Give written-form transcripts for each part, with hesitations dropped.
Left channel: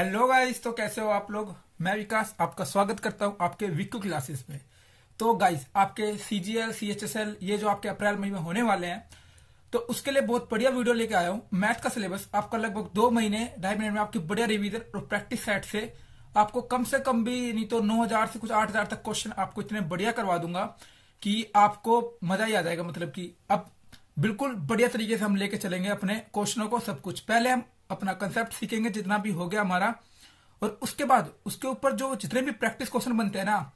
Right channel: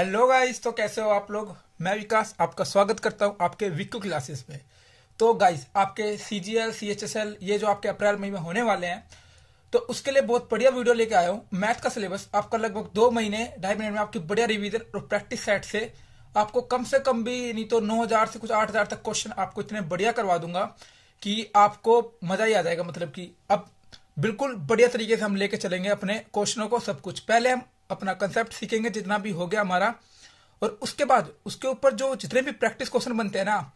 Hello guys, तो कैसे हो आप लोग। मैं विकास आपका स्वागत करता हूं आपके विक्कू क्लासेस में। तो गाइस, आपके सीजीएल सीएचएसएल ये जो आपके अप्रैल मई में होने वाले हैं, तो उसके लिए बहुत बढ़िया वीडियो लेके आया हूं। मैथ का सिलेबस आपका लगभग 2 महीने 2.5 महीने में आपकी बढ़िया रिवीजन और प्रैक्टिस सेट से आपको कम से कम भी नहीं तो 9,000 से कुछ 8,000 तक क्वेश्चन आपको इतने बढ़िया करवा दूंगा कि आपको मजा ही आ जाएगा। मतलब कि अब बिल्कुल बढ़िया तरीके से हम लेके चलेंगे अपने क्वेश्चनों को। सब कुछ पहले हम अपना कंसेप्ट सीखेंगे जितना भी हो गया हमारा, और उसके बाद उसके ऊपर जो जितने भी प्रैक्टिस क्वेश्चन बनते हैं ना,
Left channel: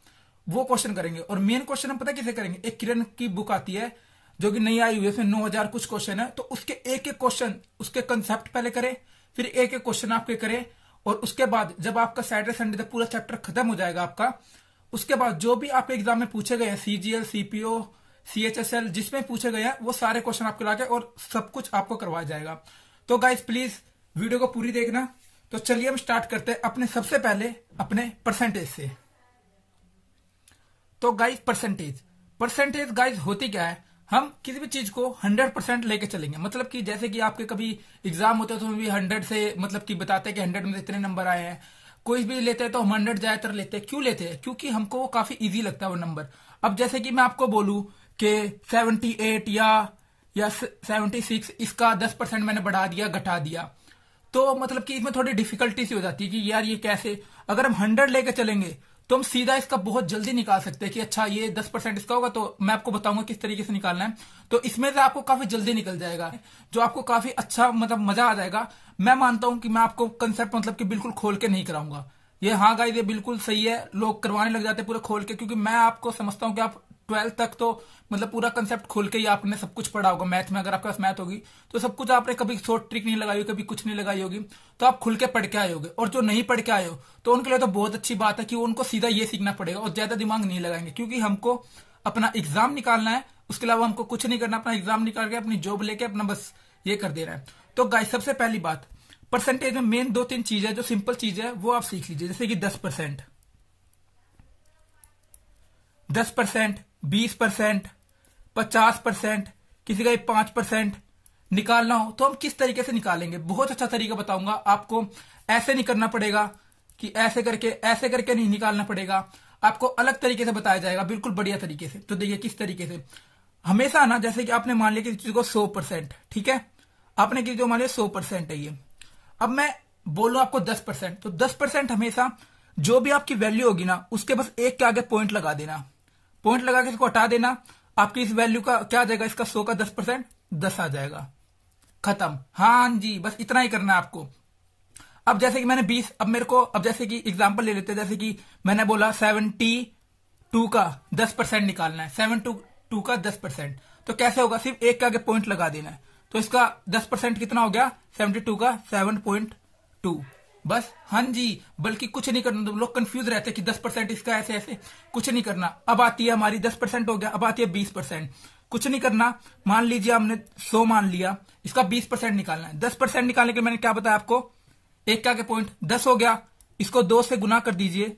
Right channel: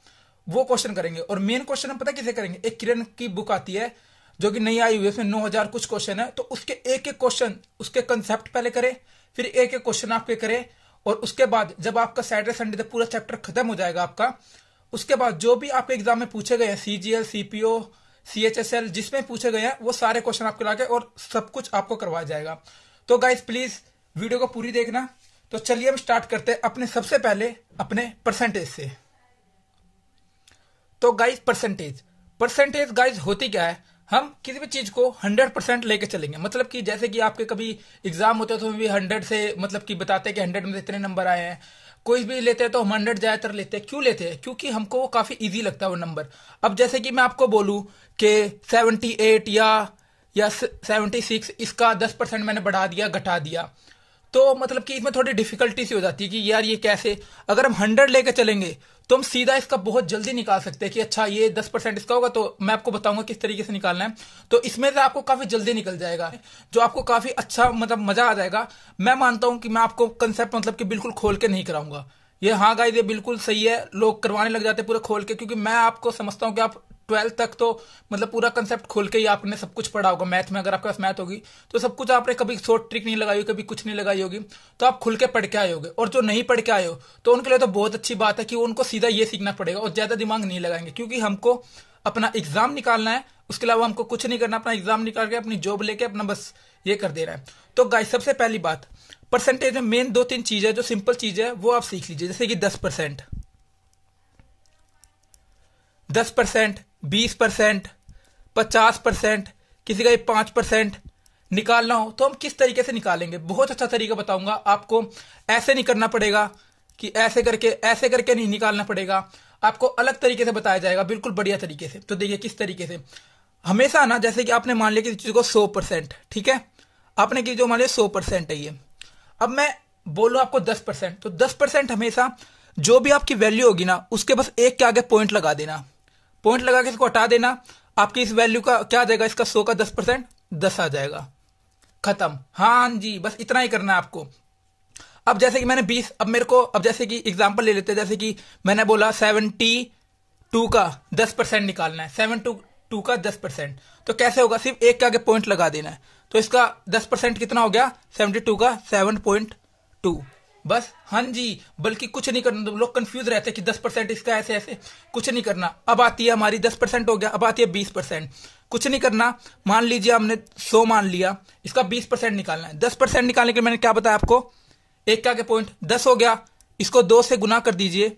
वो क्वेश्चन करेंगे। और मेन क्वेश्चन हम पता किसे करेंगे, एक किरण की बुक आती है जो कि नई आई हुई है, उसमें 9,000 कुछ क्वेश्चन है, तो उसके एक एक क्वेश्चन उसके कंसेप्ट पहले करें, फिर एक एक क्वेश्चन आपके करें। और उसके बाद जब आपका सैटरडे संडे तक पूरा चैप्टर खत्म हो जाएगा आपका, उसके बाद जो भी आपके एग्जाम में पूछे गए हैं, सीजीएल सीपीओ सीएचएसएल जिसमें पूछे गए हैं, वो सारे क्वेश्चन आपके लाके और सब कुछ आपको करवाया जाएगा। तो गाइस प्लीज वीडियो को पूरी देखना। तो चलिए हम स्टार्ट करते हैं अपने सबसे पहले अपने परसेंटेज से। तो गाइस परसेंटेज गाइस होती क्या है, हम किसी भी चीज को 100% लेके चलेंगे। मतलब कि जैसे कि आपके कभी एग्जाम होते हैं तो भी 100 से मतलब कि बताते हैं कि 100 में इतने नंबर आए हैं। कोई भी लेते हैं तो हम 100 ज्यादातर लेते हैं। क्यों लेते हैं? क्योंकि हमको वो काफी इजी लगता है वो नंबर। अब जैसे कि मैं आपको बोलूं कि 78 या 76, इसका 10% मैंने बढ़ा दिया घटा दिया, तो मतलब कि इसमें थोड़ी डिफिकल्टी सी हो जाती है कि यार ये कैसे। अगर हम 100 लेके चलेंगे तो हम सीधा इसका बहुत जल्दी निकाल सकते हैं कि अच्छा ये 10% इसका होगा, तो मैं आपको बताऊंगा किस तरीके से निकालना है। तो इसमें से आपको काफी जल्दी निकल जाएगा, जो आपको काफी अच्छा मतलब मजा आ जाएगा। मैं मानता हूं कि मैं आपको कंसेप्ट मतलब कि बिल्कुल खोल के नहीं कराऊंगा ये। हाँ गाइस, ये बिल्कुल सही है, लोग करवाने लग जाते हैं पूरे खोल के, क्योंकि मैं आपको समझता हूं कि आप 12th तक तो मतलब पूरा कंसेप्ट खोल के ही आपने सब कुछ पढ़ा होगा। मैथ में अगर आपके पास मैथ होगी तो सब कुछ आपने कभी शॉर्ट ट्रिक नहीं लगाई होगी, कभी कुछ नहीं लगाई होगी, तो आप खुल के पढ़ के आए होगे। और जो नहीं पढ़ के आए हो तो उनके लिए तो बहुत अच्छी बात है कि उनको सीधा ये सीखना पड़ेगा और ज्यादा दिमाग नहीं लगाएंगे, क्योंकि हमको अपना एग्जाम निकालना है। उसके अलावा हमको कुछ नहीं करना, अपना एग्जाम निकाल के अपनी जॉब लेके अपना बस ये कर देना है। तो गाइस सबसे पहली बात, परसेंटेज में मेन 2-3 चीज है जो सिंपल चीज है, वो आप सीख लीजिए। जैसे कि 10%, 20%, 50%, किसी का 5% निकालना हो तो हम किस तरीके से निकालेंगे, बहुत अच्छा तरीका बताऊंगा आपको। ऐसे नहीं करना पड़ेगा कि ऐसे करके नहीं निकालना पड़ेगा, आपको अलग तरीके से बताया जाएगा, बिल्कुल बढ़िया तरीके से। तो देखिए किस तरीके से। हमेशा ना, जैसे कि आपने मान लिया कि चीज को 100%, ठीक है, आपने की जो मान लिया 100% है ये। अब मैं बोलूं आपको 10%, तो 10% हमेशा जो भी आपकी वैल्यू होगी ना, उसके बस एक के आगे पॉइंट लगा देना, पॉइंट लगा के इसको हटा देना। आपकी इस वैल्यू का क्या आ जाएगा, इसका 100 का 10% 10 आ जाएगा, खत्म। हाँ जी, बस इतना ही करना है आपको। अब जैसे कि मैंने 20, अब मेरे को, अब जैसे कि एग्जांपल ले लेते हैं, जैसे कि मैंने बोला 72 का 10% निकालना है, 72 का 10%। तो कैसे होगा, सिर्फ एक के आगे पॉइंट लगा देना है, तो इसका 10% कितना हो गया, 72 का 7.2 बस। हाँ जी, बल्कि कुछ नहीं करना। लोग कंफ्यूज रहते हैं कि 10% इसका ऐसे ऐसे, कुछ नहीं करना। अब आती है हमारी 10% हो गया, अब आती है 20%। कुछ नहीं करना, मान लीजिए हमने 100 मान लिया, इसका 20% निकालना है। 10% निकालने के लिए मैंने क्या बताया आपको, एक का आगे पॉइंट 10 हो गया, इसको 2 से गुना कर दीजिए,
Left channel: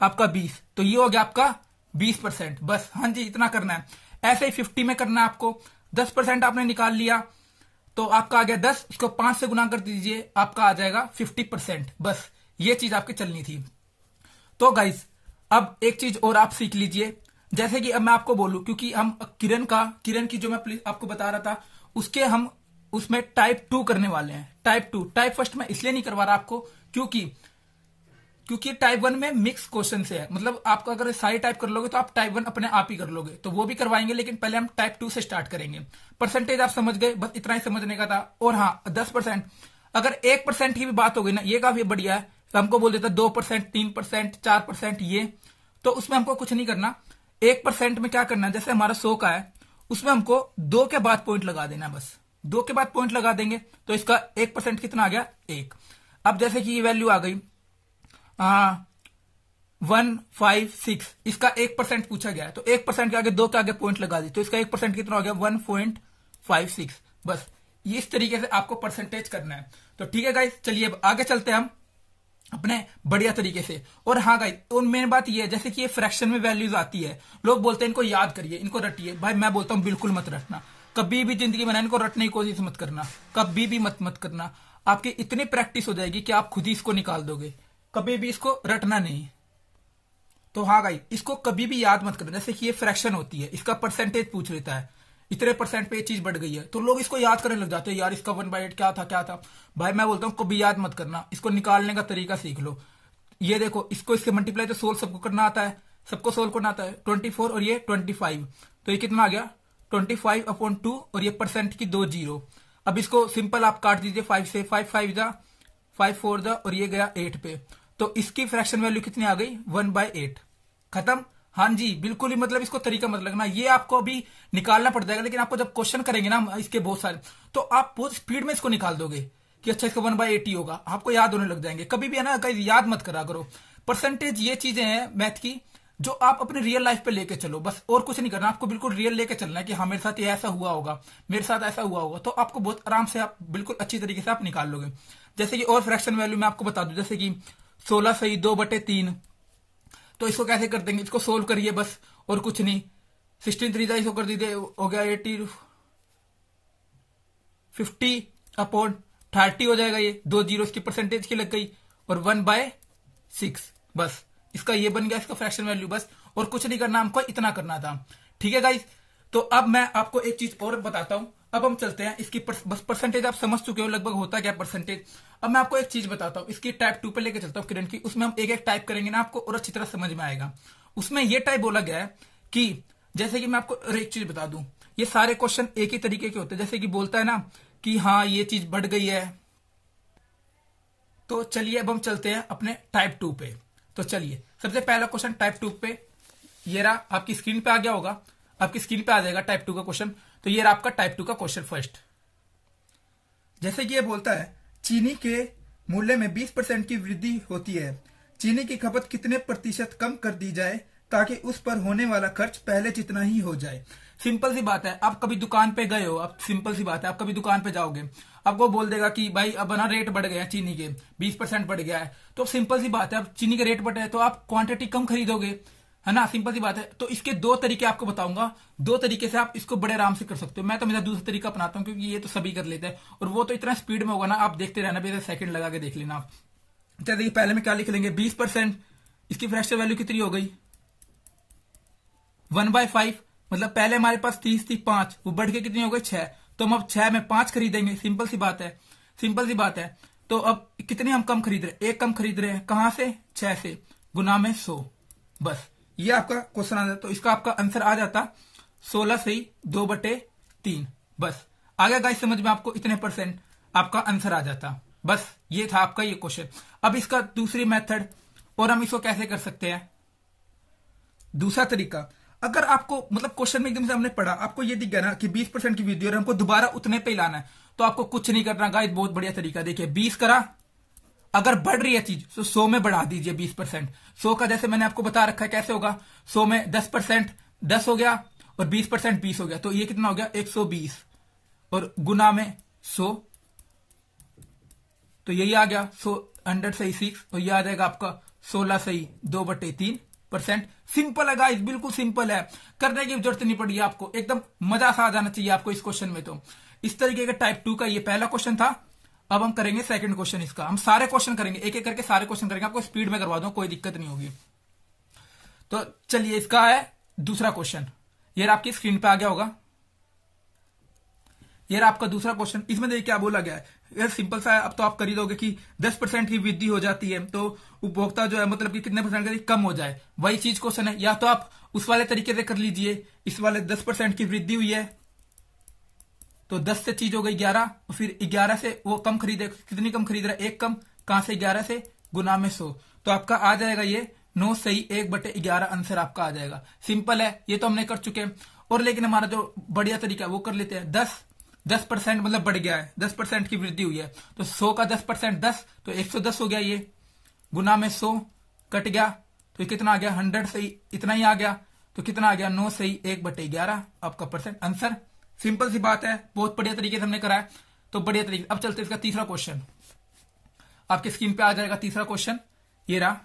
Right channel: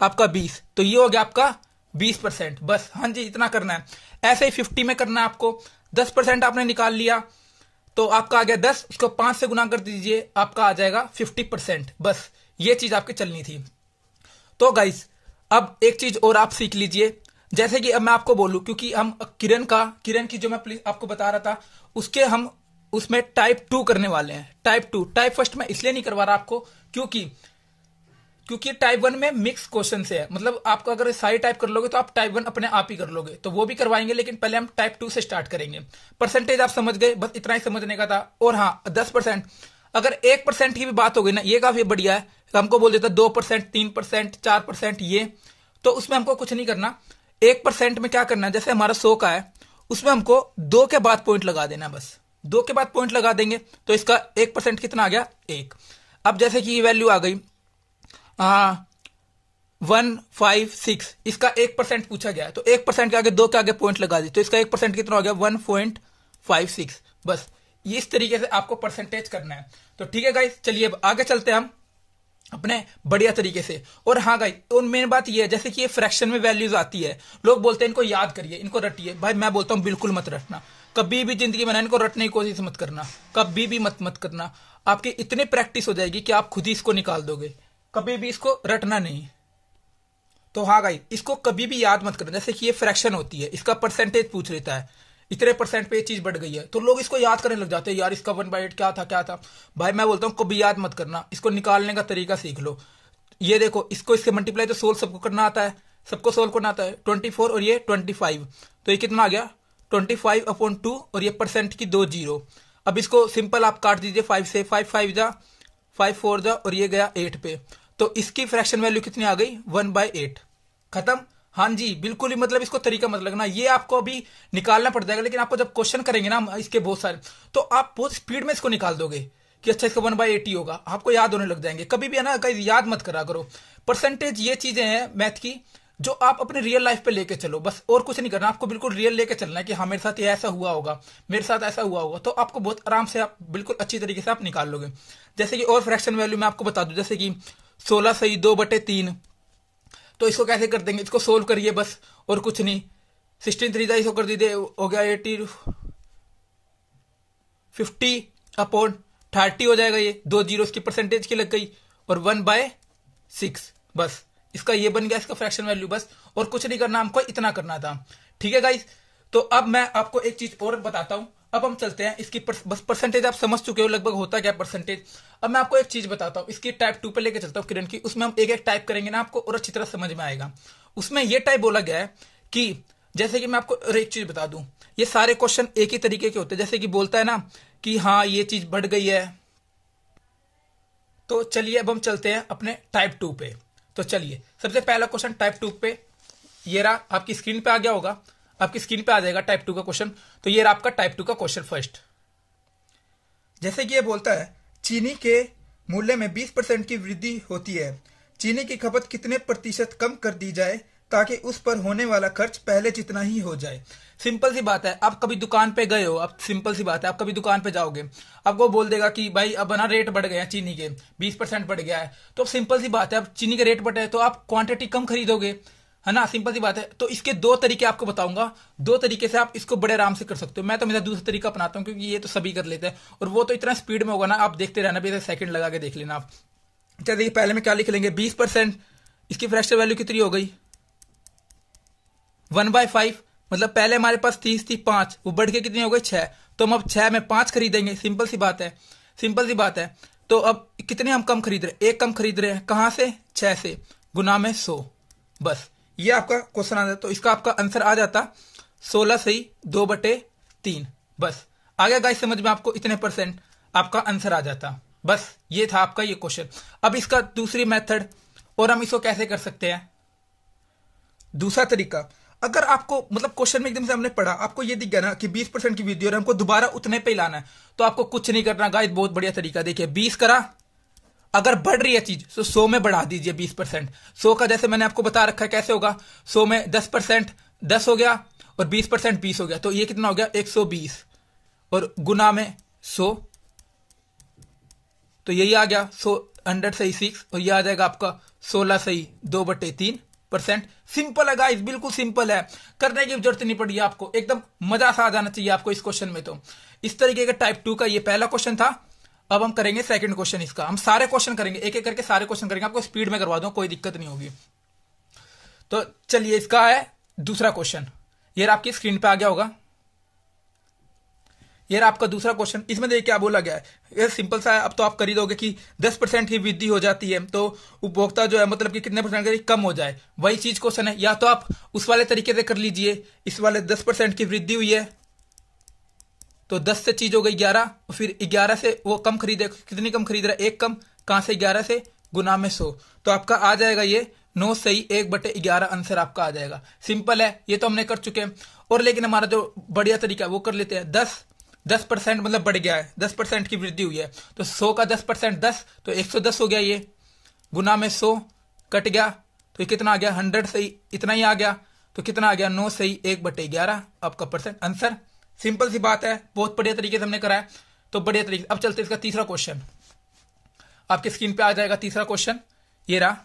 आपका 20, तो ये हो गया आपका 20%। बस हाँ जी, इतना करना है। ऐसे ही 50 में करना है आपको। 10% आपने निकाल लिया तो आपका आ गया 10, इसको 5 से गुना कर दीजिए, आपका आ जाएगा 50%। बस ये चीज आपकी चलनी थी। तो गाइस अब एक चीज और आप सीख लीजिए। जैसे कि अब मैं आपको बोलूं, क्योंकि हम किरण की जो मैं आपको बता रहा था, उसके हम उसमें टाइप 2 करने वाले हैं। टाइप फर्स्ट में इसलिए नहीं करवा रहा आपको क्योंकि टाइप 1 में मिक्स क्वेश्चन से है। मतलब आपको अगर सारी टाइप कर लोगे तो आप टाइप 1 अपने आप ही कर लोगे, तो वो भी करवाएंगे, लेकिन पहले हम टाइप 2 से स्टार्ट करेंगे। परसेंटेज आप समझ गए, बस इतना ही समझने का था। और हाँ, 10%, अगर 1% की भी बात हो गई ना, ये काफी बढ़िया है। हमको बोल देता 2%, 3%, 4% ये, तो उसमें हमको कुछ नहीं करना। 1% में क्या करना है, जैसे हमारा 100 का है, उसमें हमको 2 के बाद पॉइंट लगा देना, बस 2 के बाद पॉइंट लगा देंगे, तो इसका 1% कितना आ गया, 1। अब जैसे कि ये वैल्यू आ गई 156, इसका 1% पूछा गया है, तो 1% के आगे 2 के आगे पॉइंट लगा दी, तो इसका 1% कितना हो गया, 1.56। बस ये इस तरीके से आपको परसेंटेज करना है। तो ठीक है गाइस, चलिए अब आगे चलते हैं हम अपने बढ़िया तरीके से। और हाँ गाइस, और मेन बात ये है, जैसे कि ये फ्रैक्शन में वैल्यूज आती है, लोग बोलते हैं इनको याद करिए, इनको रटिए। भाई मैं बोलता हूं बिल्कुल मत रटना। कभी भी जिंदगी में ना इनको रटने की कोशिश मत करना, कभी भी मत करना। आपकी इतनी प्रैक्टिस हो जाएगी कि आप खुद ही इसको निकाल दोगे, कभी भी इसको रटना नहीं। तो हाँ गाइस, इसको कभी भी याद मत करना। जैसे कि ये फ्रैक्शन होती है, इसका परसेंटेज पूछ लेता है, इतने परसेंट पे ये चीज बढ़ गई है, तो लोग इसको याद करने लग जाते हैं, यार इसका 1/8 क्या था। भाई मैं बोलता हूँ कभी याद मत करना, इसको निकालने का तरीका सीख लो। ये देखो, इसको इससे मल्टीप्लाई तो सोल्व सबको करना आता है, सबको सोल्व करना आता है। 24 और ये 25, तो ये कितना आ गया 25/2, और ये परसेंट की 2 जीरो। अब इसको सिंपल आप काट दीजिए 5 से, 5 5 जा, 5 4 जा, और ये गया 8 पे। तो इसकी फ्रैक्शन वैल्यू कितनी आ गई 1/8। खत्म। हाँ जी, बिल्कुल ही मतलब इसको तरीका मत लगना, ये आपको अभी निकालना पड़ जाएगा। लेकिन आपको जब क्वेश्चन करेंगे ना इसके बहुत सारे, तो आप बहुत स्पीड में इसको निकाल दोगे कि अच्छा इसका 1/8 ही होगा, आपको याद होने लग जाएंगे। कभी भी है ना गाइस, याद मत करा करो। परसेंटेज ये चीजें हैं मैथ की जो आप अपने रियल लाइफ पे लेके चलो, बस और कुछ नहीं करना। आपको बिल्कुल रियल लेके चलना है कि हाँ मेरे साथ ये ऐसा हुआ होगा, मेरे साथ ऐसा हुआ होगा, तो आपको बहुत आराम से आप बिल्कुल अच्छी तरीके से आप निकाल लोगे। जैसे कि और फ्रैक्शन वैल्यू मैं आपको बता दूं, जैसे कि 16 सही 2/3, तो इसको कैसे कर देंगे, इसको सोल्व करिए बस, और कुछ नहीं। 16 3 इसको कर दीजिए, हो गया 80 50/30 हो जाएगा। ये 2 जीरो की परसेंटेज की लग गई, और 1/6, बस इसका ये बन गया इसका फ्रैक्शन वैल्यू। बस और कुछ नहीं करना, हमको इतना करना था। ठीक है गाइस, तो अब मैं आपको एक चीज और बताता हूं। अब हम चलते हैं इसकी बस परसेंटेज आप समझ चुके हो लगभग होता क्या परसेंटेज। अब मैं आपको एक चीज बताता हूं, इसकी टाइप 2 पे लेके चलता हूं किरण की। उसमें हम एक एक टाइप करेंगे ना, आपको और अच्छी तरह समझ में आएगा। उसमें यह टाइप बोला गया है कि जैसे कि मैं आपको और एक चीज बता दूं, ये सारे क्वेश्चन एक ही तरीके के होते हैं। जैसे कि बोलता है ना कि हाँ ये चीज बढ़ गई है। तो चलिए अब हम चलते हैं अपने टाइप 2 पे। तो चलिए सबसे पहला क्वेश्चन टाइप 2 पे, ये रहा, आपकी स्क्रीन पे आ गया होगा, आपकी स्क्रीन पे आ जाएगा टाइप 2 का क्वेश्चन। तो ये रहा आपका टाइप 2 का क्वेश्चन फर्स्ट। जैसे कि ये बोलता है चीनी के मूल्य में 20% की वृद्धि होती है, चीनी की खपत कितने प्रतिशत कम कर दी जाए ताकि उस पर होने वाला खर्च पहले जितना ही हो जाए। सिंपल सी बात है, आप कभी दुकान पे गए हो, आप सिंपल सी बात है, आप कभी दुकान पे जाओगे, आपको बोल देगा कि भाई अब ना रेट बढ़ गए हैं चीनी के, 20% बढ़ गया है। तो सिंपल सी बात है, अब चीनी के रेट बढ़े तो आप क्वांटिटी कम खरीदोगे, है ना, सिंपल सी बात है। तो इसके दो तरीके आपको बताऊंगा, दो तरीके से आप इसको बड़े आराम से कर सकते हो। मैं तो मेरा दूसरा तरीका अपनाता हूँ, क्योंकि ये तो सभी कर लेते हैं, और वो तो इतना स्पीड में होगा ना, आप देखते रहना, भी सेकंड लगा के देख लेना आप। चलिए पहले में क्या लिख लेंगे, 20%, इसकी फ्रैक्शन वैल्यू कितनी हो गई 1/5, मतलब पहले हमारे पास 30 थी 5, वो बढ़ के कितनी हो गई 6, तो हम अब 6 में 5 खरीदेंगे। सिंपल सी बात है, सिंपल सी बात है। तो अब कितने हम कम खरीद रहे, एक कम खरीद रहे हैं, कहां से 6 से, गुना में 100, बस ये आपका क्वेश्चन आ जाता। तो इसका आपका आंसर आ जाता 16 सही 2/3, बस आ गया गाइस समझ में आपको, इतने परसेंट आपका आंसर आ जाता। बस ये था आपका ये क्वेश्चन। अब इसका दूसरी मेथड, और हम इसको कैसे कर सकते हैं, दूसरा तरीका। अगर आपको मतलब क्वेश्चन में एकदम से हमने पढ़ा, आपको ये दिख गया ना कि 20% की वृद्धि और हमको दोबारा उतने पे लाना है, तो आपको कुछ नहीं करना गाइस, बहुत बढ़िया तरीका। देखिए 20 करा, अगर बढ़ रही है चीज तो 100 में बढ़ा दीजिए 20%। 100 का जैसे मैंने आपको बता रखा है कैसे होगा, 100 में 10% 10 हो गया, और 20% 20 हो गया, तो ये कितना हो गया 120, और गुना में 100, तो यही आ गया 100 सही 6, और ये आ जाएगा आपका 16 सही 2/3%। सिंपल है गाइस, बिल्कुल सिंपल है, करने की जरूरत नहीं पड़ी आपको, एकदम मजा सा आ जाना चाहिए आपको इस क्वेश्चन में। तो इस तरीके का टाइप 2 का ये पहला क्वेश्चन था। अब हम करेंगे सेकंड क्वेश्चन इसका, हम सारे क्वेश्चन करेंगे, एक एक करके सारे क्वेश्चन करेंगे, आपको स्पीड में करवा दूं, कोई दिक्कत नहीं होगी। तो चलिए इसका है दूसरा क्वेश्चन, ये आपकी स्क्रीन पे आ गया होगा, ये आपका दूसरा क्वेश्चन। इसमें देखिए क्या बोला गया है, ये सिंपल सा है। अब तो आप कर ही दोगे कि 10% की वृद्धि हो जाती है तो उपभोक्ता जो है मतलब कि कितने परसेंट कम हो जाए, वही चीज क्वेश्चन है। या तो आप उस वाले तरीके से कर लीजिए, इस वाले 10% की वृद्धि हुई है तो 10 से चीज हो गई 11, और फिर 11 से वो कम खरीदे, कितनी कम खरीद रहा है, एक कम, कहां से 11 से, गुना में 100, तो आपका आ जाएगा ये 9 सही 1/11 आंसर आपका आ जाएगा। सिंपल है, ये तो हमने कर चुके हैं। और लेकिन हमारा जो बढ़िया तरीका है वो कर लेते हैं, 10% मतलब बढ़ गया है, 10% की वृद्धि हुई है, तो 100 का 10% 10, तो 110 हो गया, ये गुना में 100 कट गया, तो कितना आ गया 100 सही, इतना ही आ गया, तो कितना आ गया 9 सही 1/11 आपका परसेंट आंसर। सिंपल सी बात है, बहुत बढ़िया तरीके से हमने करा है, तो बढ़िया तरीके। अब चलते इसका तीसरा क्वेश्चन, आपके स्क्रीन पे आ जाएगा तीसरा क्वेश्चन, ये रहा।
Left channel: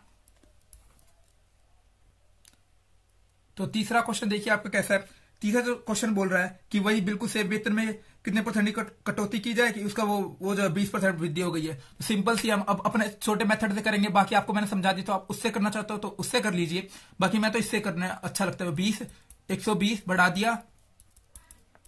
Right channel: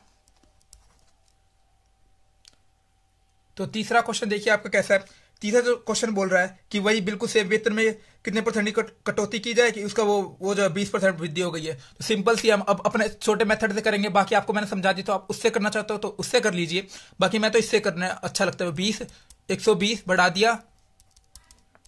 तो तीसरा क्वेश्चन देखिए आपका कैसा है, तीसरा जो क्वेश्चन बोल रहा है कि वही बिल्कुल सेम वेतन में कितने परसेंट की कटौती की जाए कि उसका वो जो 20% वृद्धि हो गई है। तो सिंपल सी हम अब अपने छोटे मेथड से करेंगे, बाकी आपको मैंने समझा दी, तो आप उससे करना चाहते हो तो उससे कर लीजिए, बाकी मैं तो इससे करना अच्छा लगता है। 20 120 बढ़ा दिया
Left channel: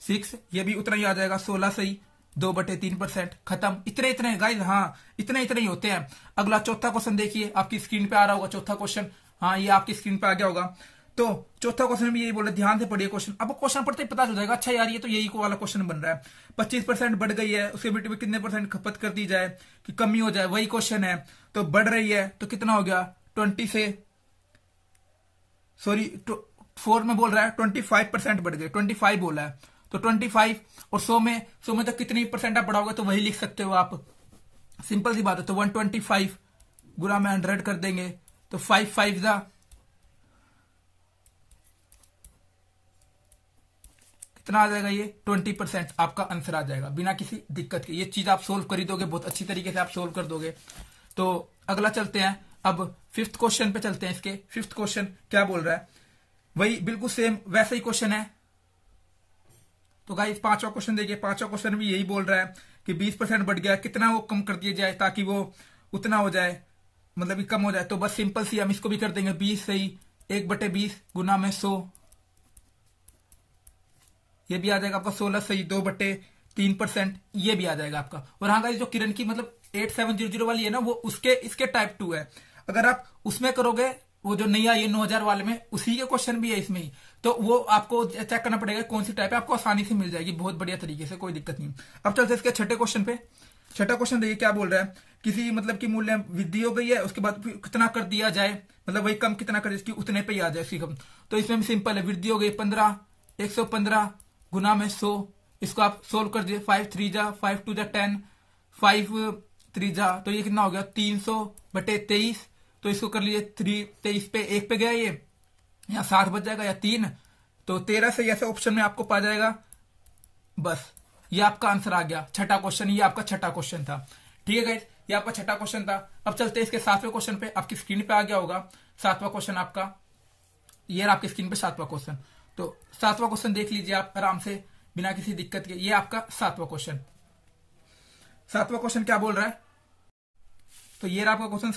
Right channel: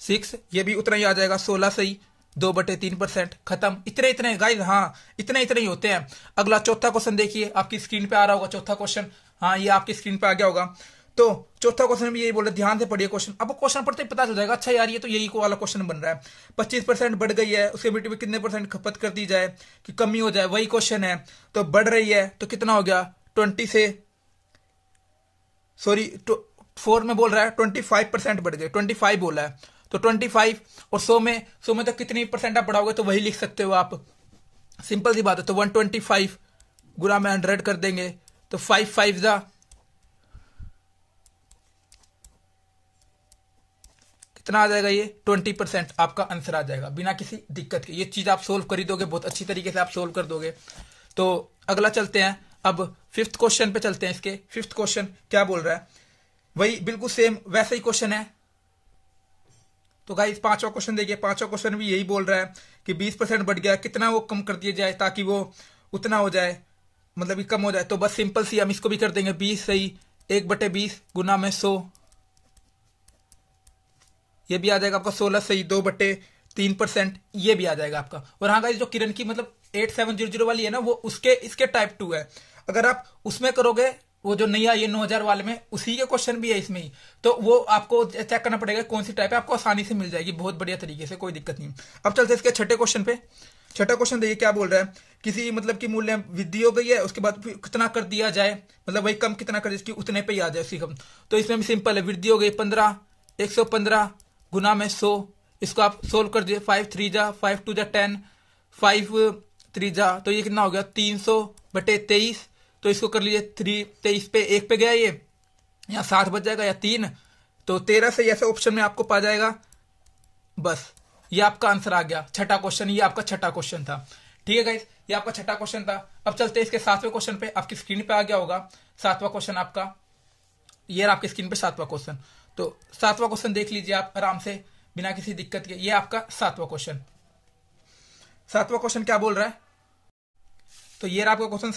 6, ये भी उतना ही आ जाएगा 16 सही 2/3%, खत्म। इतने इतने गाइस, हाँ इतने इतने ही होते हैं। अगला चौथा क्वेश्चन देखिए, आपकी स्क्रीन पे आ रहा होगा चौथा क्वेश्चन, हाँ ये आपकी स्क्रीन पे आ गया होगा। तो चौथा क्वेश्चन भी यही बोले, ध्यान से पढ़िए क्वेश्चन। अब क्वेश्चन पढ़ते ही पता चल जाएगा, अच्छा यार ये तो यही को वाला क्वेश्चन बन रहा है। 25% बढ़ गई है, उसके में कितने परसेंट खपत कर दी जाए कि कमी हो जाए, वही क्वेश्चन है। तो बढ़ रही है तो कितना हो गया 20 से, सॉरी 4 में बोल रहा है 25% बढ़ गए, 25 बोला है। तो 25 और 100 में तो कितनी परसेंट आप बढ़ाओगे, तो वही लिख सकते हो आप, सिंपल सी बात है। तो 125 गुना में 100 कर देंगे, तो 5 5 जा कितना आ जाएगा, ये 20% आपका आंसर आ जाएगा बिना किसी दिक्कत के। ये चीज आप सोल्व कर ही दोगे, बहुत अच्छी तरीके से आप सोल्व कर दोगे। तो अगला चलते हैं, अब 5th क्वेश्चन पे चलते हैं। इसके 5th क्वेश्चन क्या बोल रहा है, वही बिल्कुल सेम वैसा ही क्वेश्चन है। तो गाइस 5वां क्वेश्चन देखिए, 5वां क्वेश्शन भी यही बोल रहा है कि 20% बढ़ गया, कितना वो कम कर दिया जाए ताकि वो उतना हो जाए, मतलब कि कम हो जाए। तो बस सिंपल सी हम इसको भी कर देंगे 20 सही 1/20 गुना में 100, ये भी आ जाएगा आपका 16 सही 2/3%, ये भी आ जाएगा आपका। और हाँ गाइस, जो किरण की मतलब 8700 वाली है ना, वो उसके इसके टाइप 2 है। अगर आप उसमें करोगे, वो जो नई आई है 9000 वाले में, उसी के क्वेश्चन भी है इसमें ही, तो वो आपको चेक करना पड़ेगा कौन सी टाइप है, आपको आसानी से मिल जाएगी बहुत बढ़िया तरीके से, कोई दिक्कत नहीं। अब चलते इसके छठे क्वेश्चन पे। छठा क्वेश्चन देखिए क्या बोल रहा है, किसी मतलब की मूल्य वृद्धि हो गई है, उसके बाद कितना कर दिया जाए, मतलब वही कम कितना कर इसकी उतने पे ही आ जाए उसकी कम। तो इसमें भी सिंपल है, वृद्धि हो गई 15 115 गुना में 100, इसको आप सोल्व कर दिए, 5 3 जा 5 2 जा 10 5 3 जा, तो ये कितना हो गया 300/23। तो इसको कर लीजिए 23 पे 1 पे गया, ये यहाँ 7 बच जाएगा या 3, तो 13 से ऐसा ऑप्शन में आपको पा जाएगा। बस ये आपका आंसर आ गया, छठा क्वेश्चन, ये आपका छठा क्वेश्चन था। ठीक है गाइस, ये आपका छठा क्वेश्चन था। अब चलते हैं इसके 7वें क्वेश्चन पे, आपकी स्क्रीन पे आ गया होगा 7वां क्वेश्चन आपका, ये आपकी स्क्रीन पे 7वां क्वेश्चन। तो 7वां क्वेश्चन देख लीजिए आप आराम से बिना किसी दिक्कत के, ये आपका 7वां क्वेश्चन। 7वां क्वेश्चन क्या बोल रहा है, तो ये आपका क्वेश्चन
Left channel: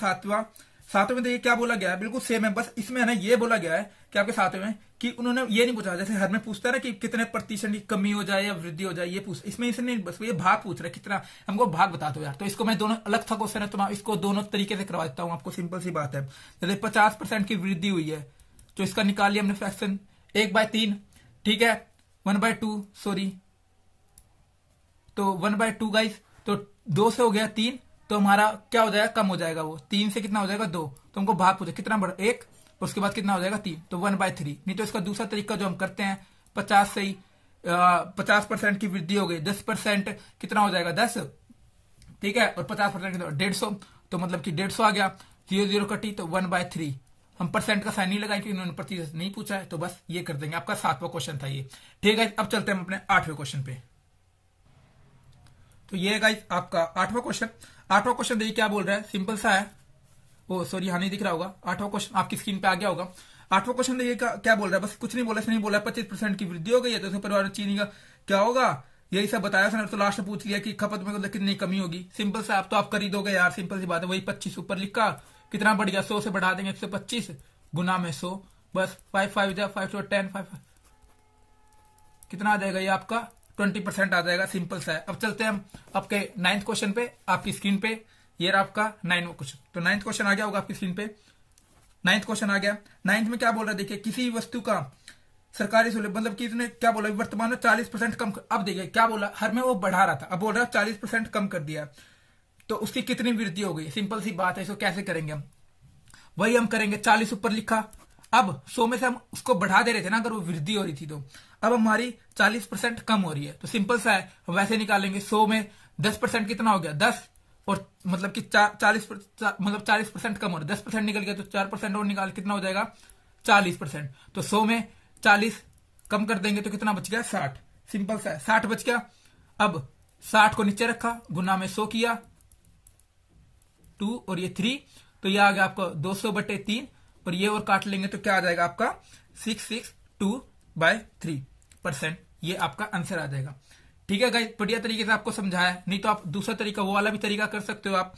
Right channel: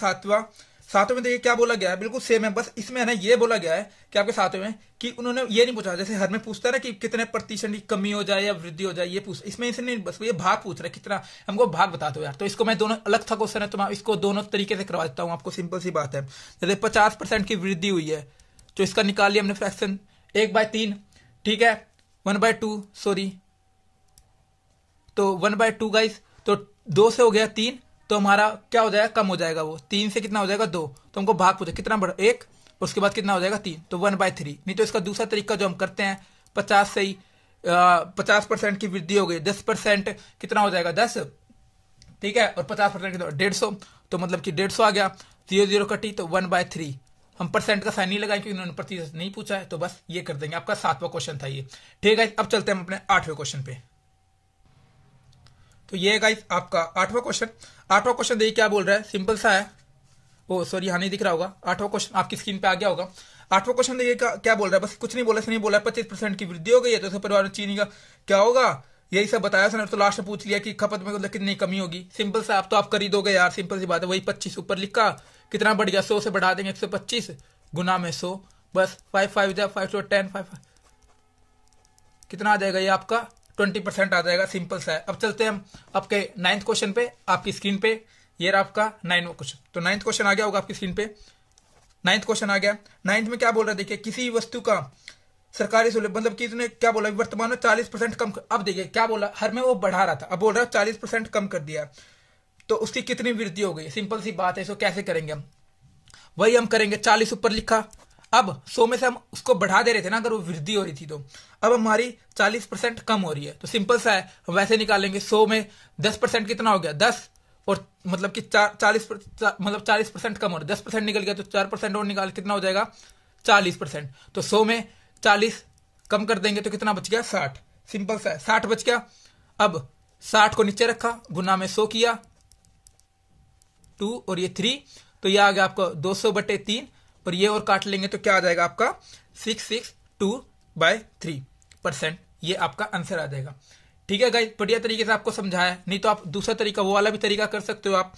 7वें में देखिए क्या बोला गया है, बिल्कुल सेम है, बस इसमें है ना ये बोला गया है कि आपके 7वें में कि उन्होंने ये नहीं पूछा, जैसे हर में पूछता है ना कि कितने प्रतिशत की कमी हो जाए या वृद्धि हो जाए, ये पूछ, इसमें इसे नहीं, बस ये भाग पूछ रहे कितना, हमको भाग बता दो यार। तो इसको मैं दोनों अलग था क्वेश्चन है, तो मैं इसको दोनों तरीके से करवा देता हूँ आपको, सिंपल सी बात है। जैसे 50% की वृद्धि हुई है, तो इसका निकाल लिया हमने फ्रैक्शन 1/3, ठीक है 1/2 सॉरी, तो 1/2 गाइस, तो 2 से हो गया 3, तो हमारा क्या हो जाएगा, कम हो जाएगा वो 3 से, कितना हो जाएगा 2, तो हमको भाग पूछे कितना बढ़ा 1, उसके बाद कितना हो जाएगा 3, तो 1/3। नहीं तो इसका दूसरा तरीका जो हम करते हैं 50 से ही 50% की वृद्धि हो गई, 10% कितना हो जाएगा 10, ठीक है, और 50% कितना 150, तो मतलब कि 150 आ गया, 0 0 कटी, तो 1/3। हम परसेंट का साइन नहीं लगाए क्योंकि उन्होंने प्रतिशत नहीं पूछा है, तो बस ये कर देंगे। आपका 7वां क्वेश्चन था ये, ठीक है। अब चलते हैं हम अपने 8वें क्वेश्चन पे। तो ये गाइस आपका 8वां क्वेश्चन। 8वां क्वेश्चन देखिए क्या बोल रहा है, सिंपल सा है, ओ सॉरी यहाँ नहीं दिख रहा होगा, 8वां क्वेश्चन आपकी स्क्रीन पे आ गया होगा। 8वां क्वेश्चन देखिए क्या बोल रहा है, बस कुछ नहीं बोला, नहीं बोला 25% की वृद्धि हो गई है, तो परिवार में चीनी का क्या होगा, यही सब बताया सर। तो लास्ट में पूछ लिया कि खपत में कितनी कमी होगी, सिंपल सा, आप तो आप कर ही दोगे यार, सिंपल सी बात है। वही 25 ऊपर लिखा, कितना बढ़ गया 100 से बढ़ा देंगे 125 गुना में 100, बस 5 5 5 to 10 5, कितना आ जाएगा ये आपका 20% आ जाएगा, सिंपल सा है। अब चलते हैं हम आपके 9th क्वेश्चन पे, आपकी स्क्रीन पे ये रहा आपका 9वां क्वेश्चन। तो 9th क्वेश्चन आ गया होगा आपकी स्क्रीन पे, 9th क्वेश्चन आ गया। 9th में क्या बोल रहा है, देखिए किसी वस्तु का सरकारी सहूलियत, मतलब कि इसने क्या बोला, वर्तमान में 40% कम, अब देखिए क्या बोला, हर में वो बढ़ा रहा था, अब बोल रहा है 40% कम कर दिया, तो उसकी कितनी वृद्धि हो गई, सिंपल सी बात है। इसको कैसे करेंगे हम, वही हम करेंगे, 40 ऊपर लिखा, अब 100 में से हम उसको बढ़ा दे रहे थे ना, अगर वो वृद्धि हो रही थी, तो अब हमारी 40% कम हो रही है, तो सिंपल सा है, हम वैसे निकालेंगे। 100 में 10% कितना हो गया 10, और मतलब कि 40% कम हो रहा है, 10% निकल गया, तो 4% और निकाल कितना हो जाएगा 40%। तो 100 में 40 कम कर देंगे तो कितना बच गया 60, सिंपल सा है, 60 बच गया। अब 60 को नीचे रखा, गुना में 100 किया, 2 और ये 3, तो ये आ गया आपका 200/3, और ये और काट लेंगे तो क्या आ जाएगा आपका 662/3। 50%, ये आपका आंसर आ जाएगा। ठीक है गाइस, बढ़िया तरीके से आपको समझाया। नहीं तो आप दूसरा तरीका, वो वाला भी तरीका कर सकते हो आप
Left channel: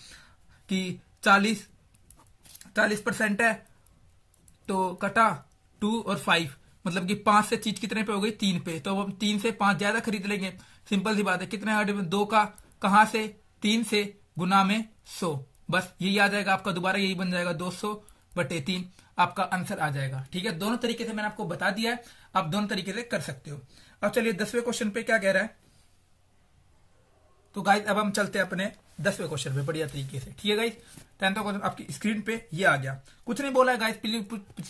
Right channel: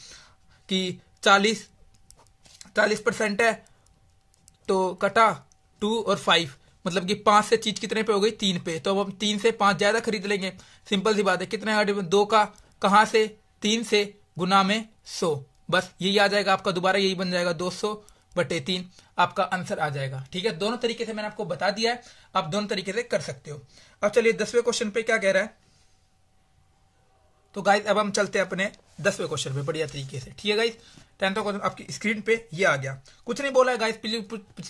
कि 40% है तो कटा 2 और 5, मतलब कि 5 से चीज कितने पे हो गई, 3 पे, तो अब हम 3 से 5 ज्यादा खरीद लेंगे। सिंपल सी बात है, कितने 2 का कहां से, 3 से, गुना में 100, बस यही आ जाएगा आपका, दोबारा यही बन जाएगा 200/3, आपका आंसर आ जाएगा। ठीक है, दोनों तरीके से मैंने आपको बता दिया है, आप दोनों तरीके से कर सकते हो। अब चलिए 10वें क्वेश्चन पे क्या कह रहा है। तो गाइस अब हम चलते हैं अपने 10वें क्वेश्चन पे बढ़िया तरीके से। ठीक है गाइस, 10वां क्वेश्चन आपकी स्क्रीन पे ये आ गया। कुछ नहीं बोला है गाइस,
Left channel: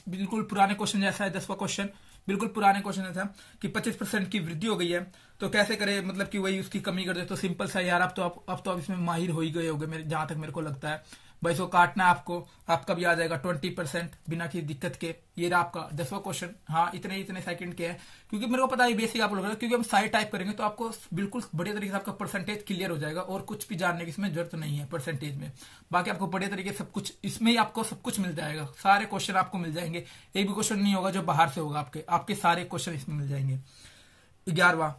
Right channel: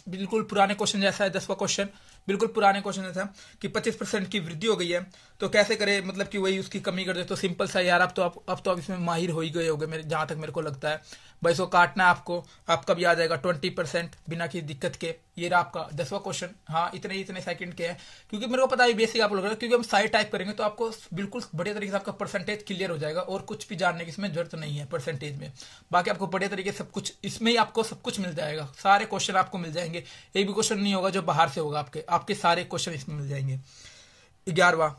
बिल्कुल पुराने क्वेश्चन जैसा है। 10वां क्वेश्चन बिल्कुल पुराने क्वेश्चन जैसा कि 25% की वृद्धि हो गई है, तो कैसे करे, मतलब कि वही उसकी कमी कर दे। तो सिंपल सा यार, अब तो आप इसमें माहिर हो ही गए होगे जहां तक मेरे को लगता है। भाई इसको काटना है आपको, आपका भी आ जाएगा 20% बिना किसी दिक्कत के। ये रहा आपका 10वां क्वेश्चन। हाँ, इतने सेकंड के हैं, क्योंकि मेरे को पता है बेसिक आप लोग, क्योंकि हम साइड टाइप करेंगे तो आपको बिल्कुल बढ़िया तरीके से आपका परसेंटेज क्लियर हो जाएगा, और कुछ भी जानने की इसमें जरूरत नहीं है परसेंटेज में। बाकी आपको बढ़िया तरीके से सब कुछ इसमें ही आपको सब कुछ मिल जाएगा, सारे क्वेश्चन आपको मिल जाएंगे। एक भी क्वेश्चन नहीं होगा जो बाहर से होगा, आपके सारे क्वेश्चन इसमें मिल जाएंगे। 11वां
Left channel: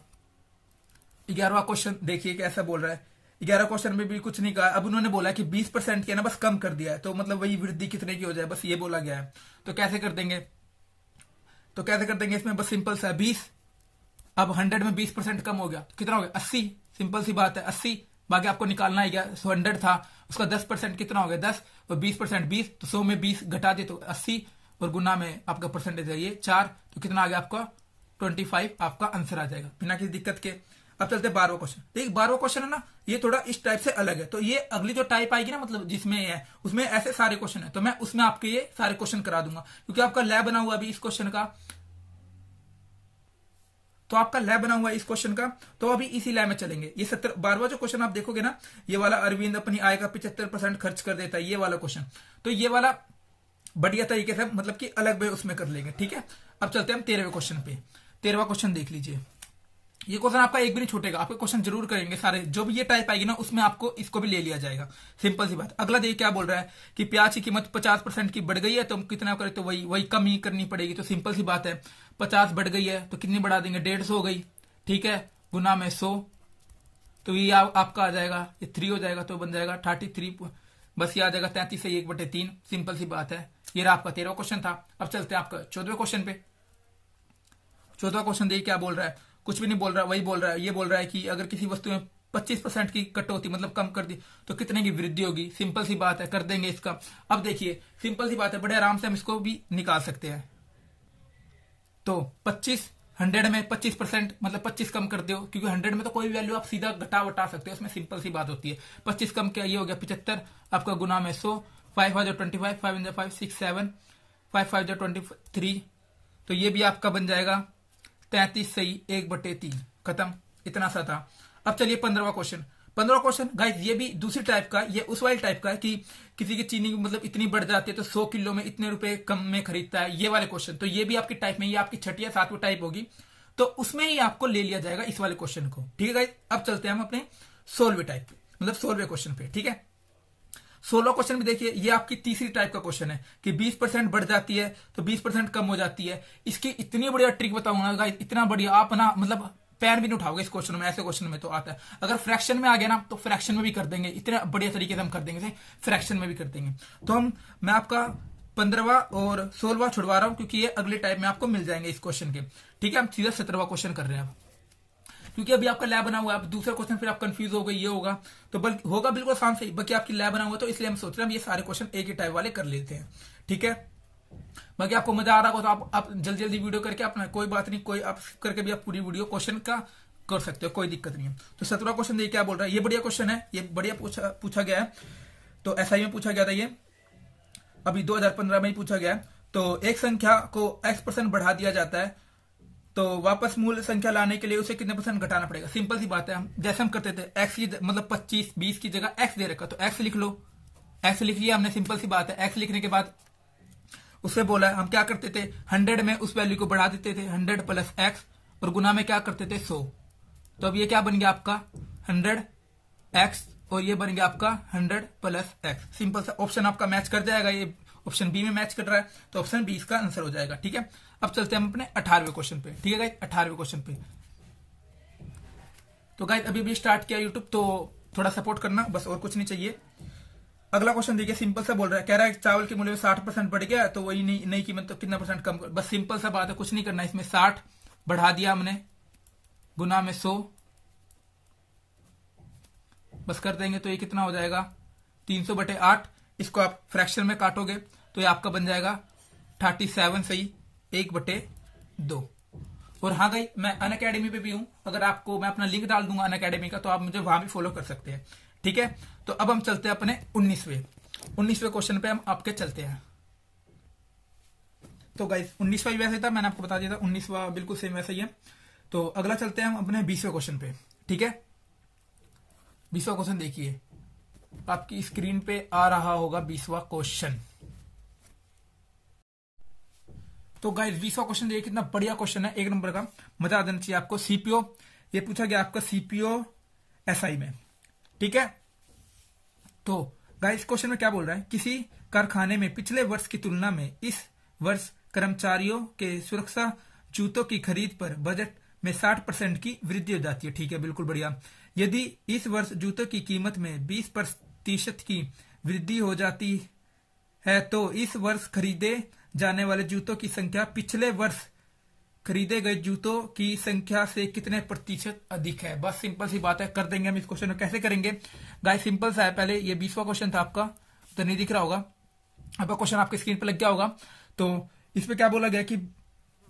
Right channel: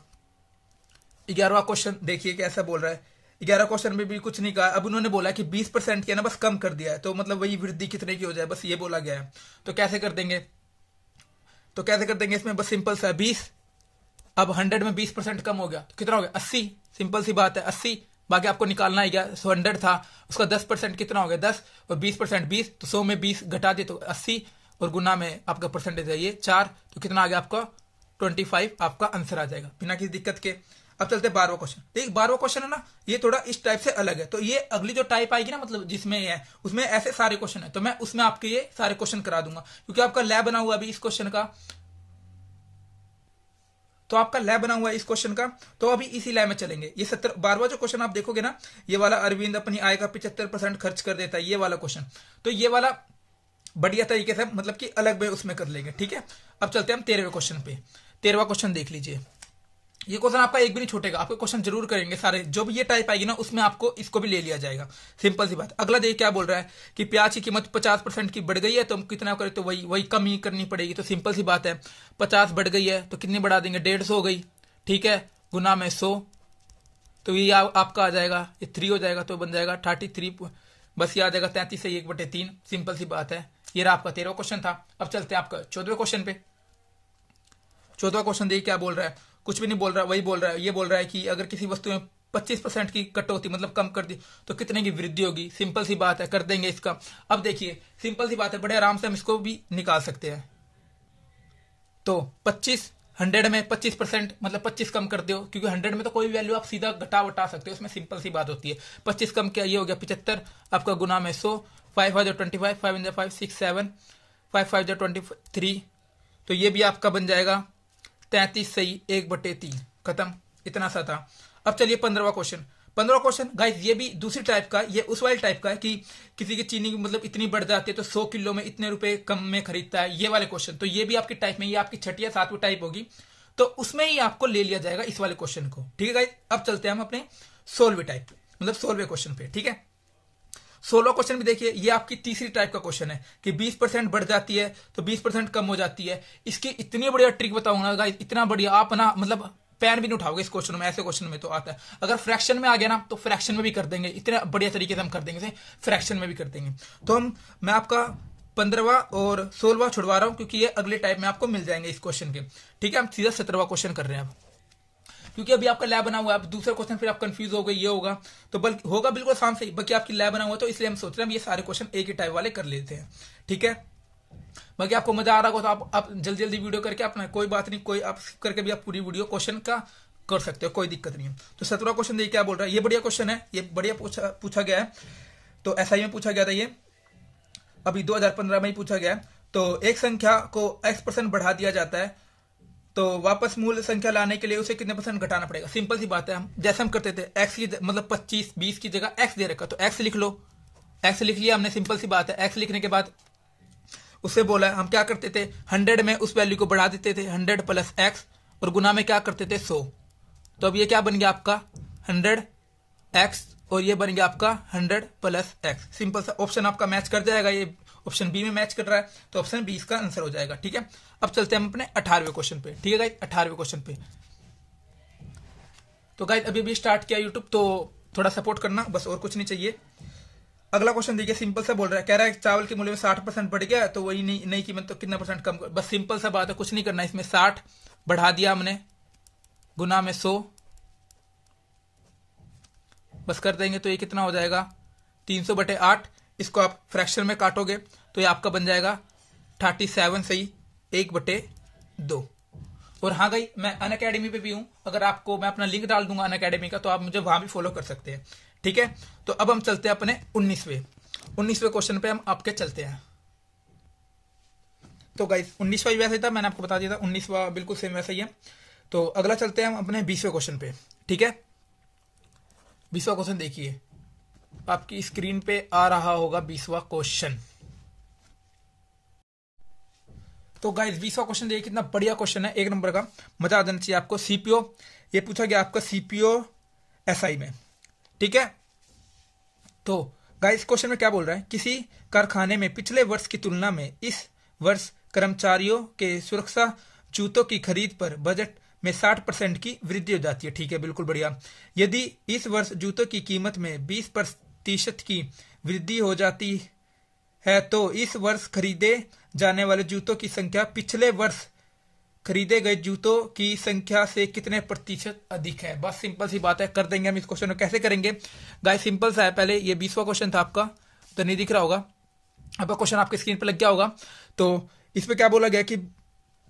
क्वेश्चन देखिए कैसा बोल रहा है। 11 क्वेश्चन में भी कुछ नहीं कहा। अब उन्होंने बोला कि 20% की है ना, बस कम कर दिया है, तो मतलब वही वृद्धि कितने की हो जाए, बस ये बोला गया है। तो कैसे कर देंगे, इसमें बस सिंपल सा 20, अब 100 में 20% कम हो गया तो कितना हो गया, 80। सिंपल सी बात है, 80। बाकी आपको निकालना ही गया, 100 था, उसका 10% कितना हो गया, 10, और 20% 20, तो 100 में 20 घटा दिए तो 80, और गुना में आपका परसेंटेज है ये 4, तो कितना आ गया आपका 25, आपका आंसर आ जाएगा बिना किसी दिक्कत के। अब चलते 12वां क्वेश्चन। ठीक, 12वां क्वेश्चन है ना, ये थोड़ा इस टाइप से अलग है। तो ये अगली जो टाइप आएगी ना, मतलब जिसमें ये है उसमें ऐसे सारे क्वेश्चन है, तो मैं उसमें आपके ये सारे क्वेश्चन करा दूंगा, क्योंकि आपका लैब बना हुआ अभी इस क्वेश्चन का, तो आपका लैब बना हुआ है इस क्वेश्चन का, तो अभी इसी लैब में चलेंगे। ये 12वां जो क्वेश्चन आप देखोगे ना, ये वाला अरविंद अपनी आय का 75% खर्च कर देता है, ये वाला क्वेश्चन, तो ये वाला बढ़िया तरीके से मतलब कि अलग वे उसमें कर लेंगे। ठीक है, अब चलते हैं हम 13वें क्वेश्चन पे। 13वां क्वेश्चन देख लीजिए। ये क्वेश्चन आपका एक भी नहीं छूटेगा, आपके क्वेश्चन जरूर करेंगे सारे, जो भी ये टाइप आएगी ना उसमें आपको इसको भी ले लिया जाएगा। सिंपल सी बात। अगला देखिए क्या बोल रहा है कि प्याज की कीमत 50% की बढ़ गई है, तो हम कितना करें, तो वही कम ही करनी पड़ेगी। तो सिंपल सी बात है, 50 बढ़ गई है तो कितनी बढ़ा देंगे, 150 हो गई। ठीक है, गुना में 100, तो ये आपका आ जाएगा, ये 3 हो जाएगा, तो बन जाएगा 33, बस ये आ जाएगा 33 से 1/3। सिंपल सी बात है। ये रहा आपका 13वां क्वेश्चन था। अब चलते हैं आपका 14वें क्वेश्चन पे। 14वां क्वेश्चन देखिए क्या बोल रहा है, कुछ भी नहीं बोल रहा, वही बोल रहा है। ये बोल रहा है कि अगर किसी वस्तु में 25% की कटौती मतलब कम कर दी तो कितने की वृद्धि होगी। सिंपल सी बात है, कर देंगे इसका। अब देखिए सिंपल सी बात है, बड़े आराम से हम इसको भी निकाल सकते हैं। तो 100 में 25% मतलब 25 कम कर दो, क्योंकि 100 में तो कोई वैल्यू आप सीधा घटा वटा सकते हो, इसमें सिंपल सी बात होती है। 25 कम क्या, ये हो गया 75, आपका गुना में 100, 5 5 25, 5 5 6 7, 5 5 23, तो ये भी आपका बन जाएगा 33 सही 1/3, खत्म। इतना सा था। अब चलिए 15वां क्वेश्चन। 15वां क्वेश्चन गाइस ये भी दूसरी टाइप का, ये उस वाले टाइप का है कि किसी की चीनी मतलब इतनी बढ़ जाती है तो 100 किलो में इतने रुपए कम में खरीदता है, ये वाले क्वेश्चन। तो ये भी आपकी टाइप में, ये आपकी 6ठी या 7वीं टाइप होगी, तो उसमें ही आपको ले लिया जाएगा इस वाले क्वेश्चन को। ठीक है गाइस, अब चलते हैं हम अपने 16वीं टाइप मतलब 16वें क्वेश्चन पे। ठीक है, 16वां क्वेश्चन भी देखिए, ये आपकी तीसरी टाइप का क्वेश्चन है कि 20% बढ़ जाती है तो 20% कम हो जाती है। इसकी इतनी बढ़िया ट्रिक बताऊंगा गाइस, इतना बढ़िया, आप ना मतलब पैन भी नहीं उठाओगे इस क्वेश्चन में, ऐसे क्वेश्चन में तो आता है। अगर फ्रैक्शन में आ गया ना तो फ्रैक्शन में भी कर देंगे, इतने बढ़िया तरीके से हम कर देंगे, फ्रैक्शन में भी कर देंगे। तो मैं आपका 15वां और 16वां छुड़वा रहा हूं, क्योंकि ये अगले टाइप में आपको मिल जाएंगे इस क्वेश्चन के। ठीक है, हम सीधा 17वां क्वेश्चन कर रहे हैं अब, क्योंकि अभी आपका लैब बना हुआ है। अब दूसरा क्वेश्चन फिर आप कंफ्यूज हो गए, ये होगा तो बल्कि होगा बिल्कुल आसान से, बाकी आपकी लैब बना हुआ है, तो इसलिए हम सोच रहे हैं ये सारे क्वेश्चन एक ही टाइप वाले कर लेते हैं। ठीक है, बाकी आपको मजा आ रहा होगा तो आप जल्दी जल्दी वीडियो करके अपना, कोई बात नहीं, कोई आप करके भी आप पूरी वीडियो क्वेश्चन का कर सकते हो, कोई दिक्कत नहीं है। तो 17वां क्वेश्चन देखिए क्या बोल रहा है, ये बढ़िया क्वेश्चन है, ये बढ़िया पूछा गया है। तो एसआई में पूछा गया था, ये अभी 2015 में ही पूछा गया है। तो एक संख्या को x% बढ़ा दिया जाता है, तो वापस मूल संख्या लाने के लिए उसे कितने % घटाना पड़ेगा। सिंपल सी बात है, हम जैसे हम करते थे x की मतलब 25 20 की जगह x दे रखा, तो x लिख लो, x लिख लिया हमने। सिंपल सी बात है, x लिखने के बाद उससे बोला हम क्या करते थे, 100 में उस वैल्यू को बढ़ा देते थे, 100 + x, और गुना में क्या करते थे 100। तो अब ये क्या बन गया आपका 100x, और ये बन गया आपका 100 + x। सिंपल सा ऑप्शन आपका मैच कर जाएगा, ये ऑप्शन बी में मैच कर रहा है, तो ऑप्शन बी इसका आंसर हो जाएगा। ठीक है, अब चलते हैं हम अपने 18वें क्वेश्चन पे। ठीक है गाइस, 18वें क्वेश्चन पे। तो गाइस अभी भी स्टार्ट किया यूट्यूब, तो थोड़ा सपोर्ट करना, बस और कुछ नहीं चाहिए। अगला क्वेश्चन देखिए, सिंपल सा बोल रहा है, कह रहा है चावल के मूल्य में 60% बढ़ गया तो वही नई कीमत तो कितना परसेंट कम कर। बस सिंपल सा बात है, कुछ नहीं करना। इसमें 60 बढ़ा दिया हमने, गुना में 100, बस कर देंगे तो ये कितना हो जाएगा 300/8। इसको आप फ्रैक्शन में काटोगे तो ये आपका बन जाएगा 37 सही 1/2। और हाँ भाई, मैं अनअकैडमी पे भी हूं, अगर आपको मैं अपना लिंक डाल दूंगा अनअकैडमी का, तो आप मुझे वहां भी फॉलो कर सकते हैं। ठीक है, तो अब हम चलते हैं अपने 19वें क्वेश्चन पे हम आपके चलते हैं। तो गाइस 19वां वैसे था, मैंने आपको बता दिया था, 19वां बिल्कुल सेम वैसा ही है। तो अगला चलते हैं हम अपने 20वें क्वेश्चन पे। ठीक है, 20वां क्वेश्चन देखिए, आपकी स्क्रीन पे आ रहा होगा 20वां क्वेश्चन। तो गाइस 20वां क्वेश्चन देखिए, कितना बढ़िया क्वेश्चन है, एक नंबर का, मजा आ जाना चाहिए आपको। सीपीओ, ये पूछा गया आपका सीपीओ एसआई में। ठीक है, तो गाइस क्वेश्चन में क्या बोल रहा है, किसी कारखाने में पिछले वर्ष की तुलना में इस वर्ष कर्मचारियों के सुरक्षा जूतों की खरीद पर बजट में 60% की वृद्धि हो जाती है। ठीक है, बिल्कुल बढ़िया। यदि इस वर्ष जूतों की कीमत में 20% की वृद्धि हो जाती है तो इस वर्ष खरीदे जाने वाले जूतों की संख्या पिछले वर्ष खरीदे गए जूतों की संख्या से कितने प्रतिशत अधिक है। बस सिंपल सी बात है, कर देंगे हम इस क्वेश्चन को। कैसे करेंगे गाइस, सिंपल सा है। पहले ये 20वां क्वेश्चन था आपका, तो नहीं दिख रहा होगा, अब क्वेश्चन आपकी स्क्रीन पर लग गया होगा। तो इसमें क्या बोला गया कि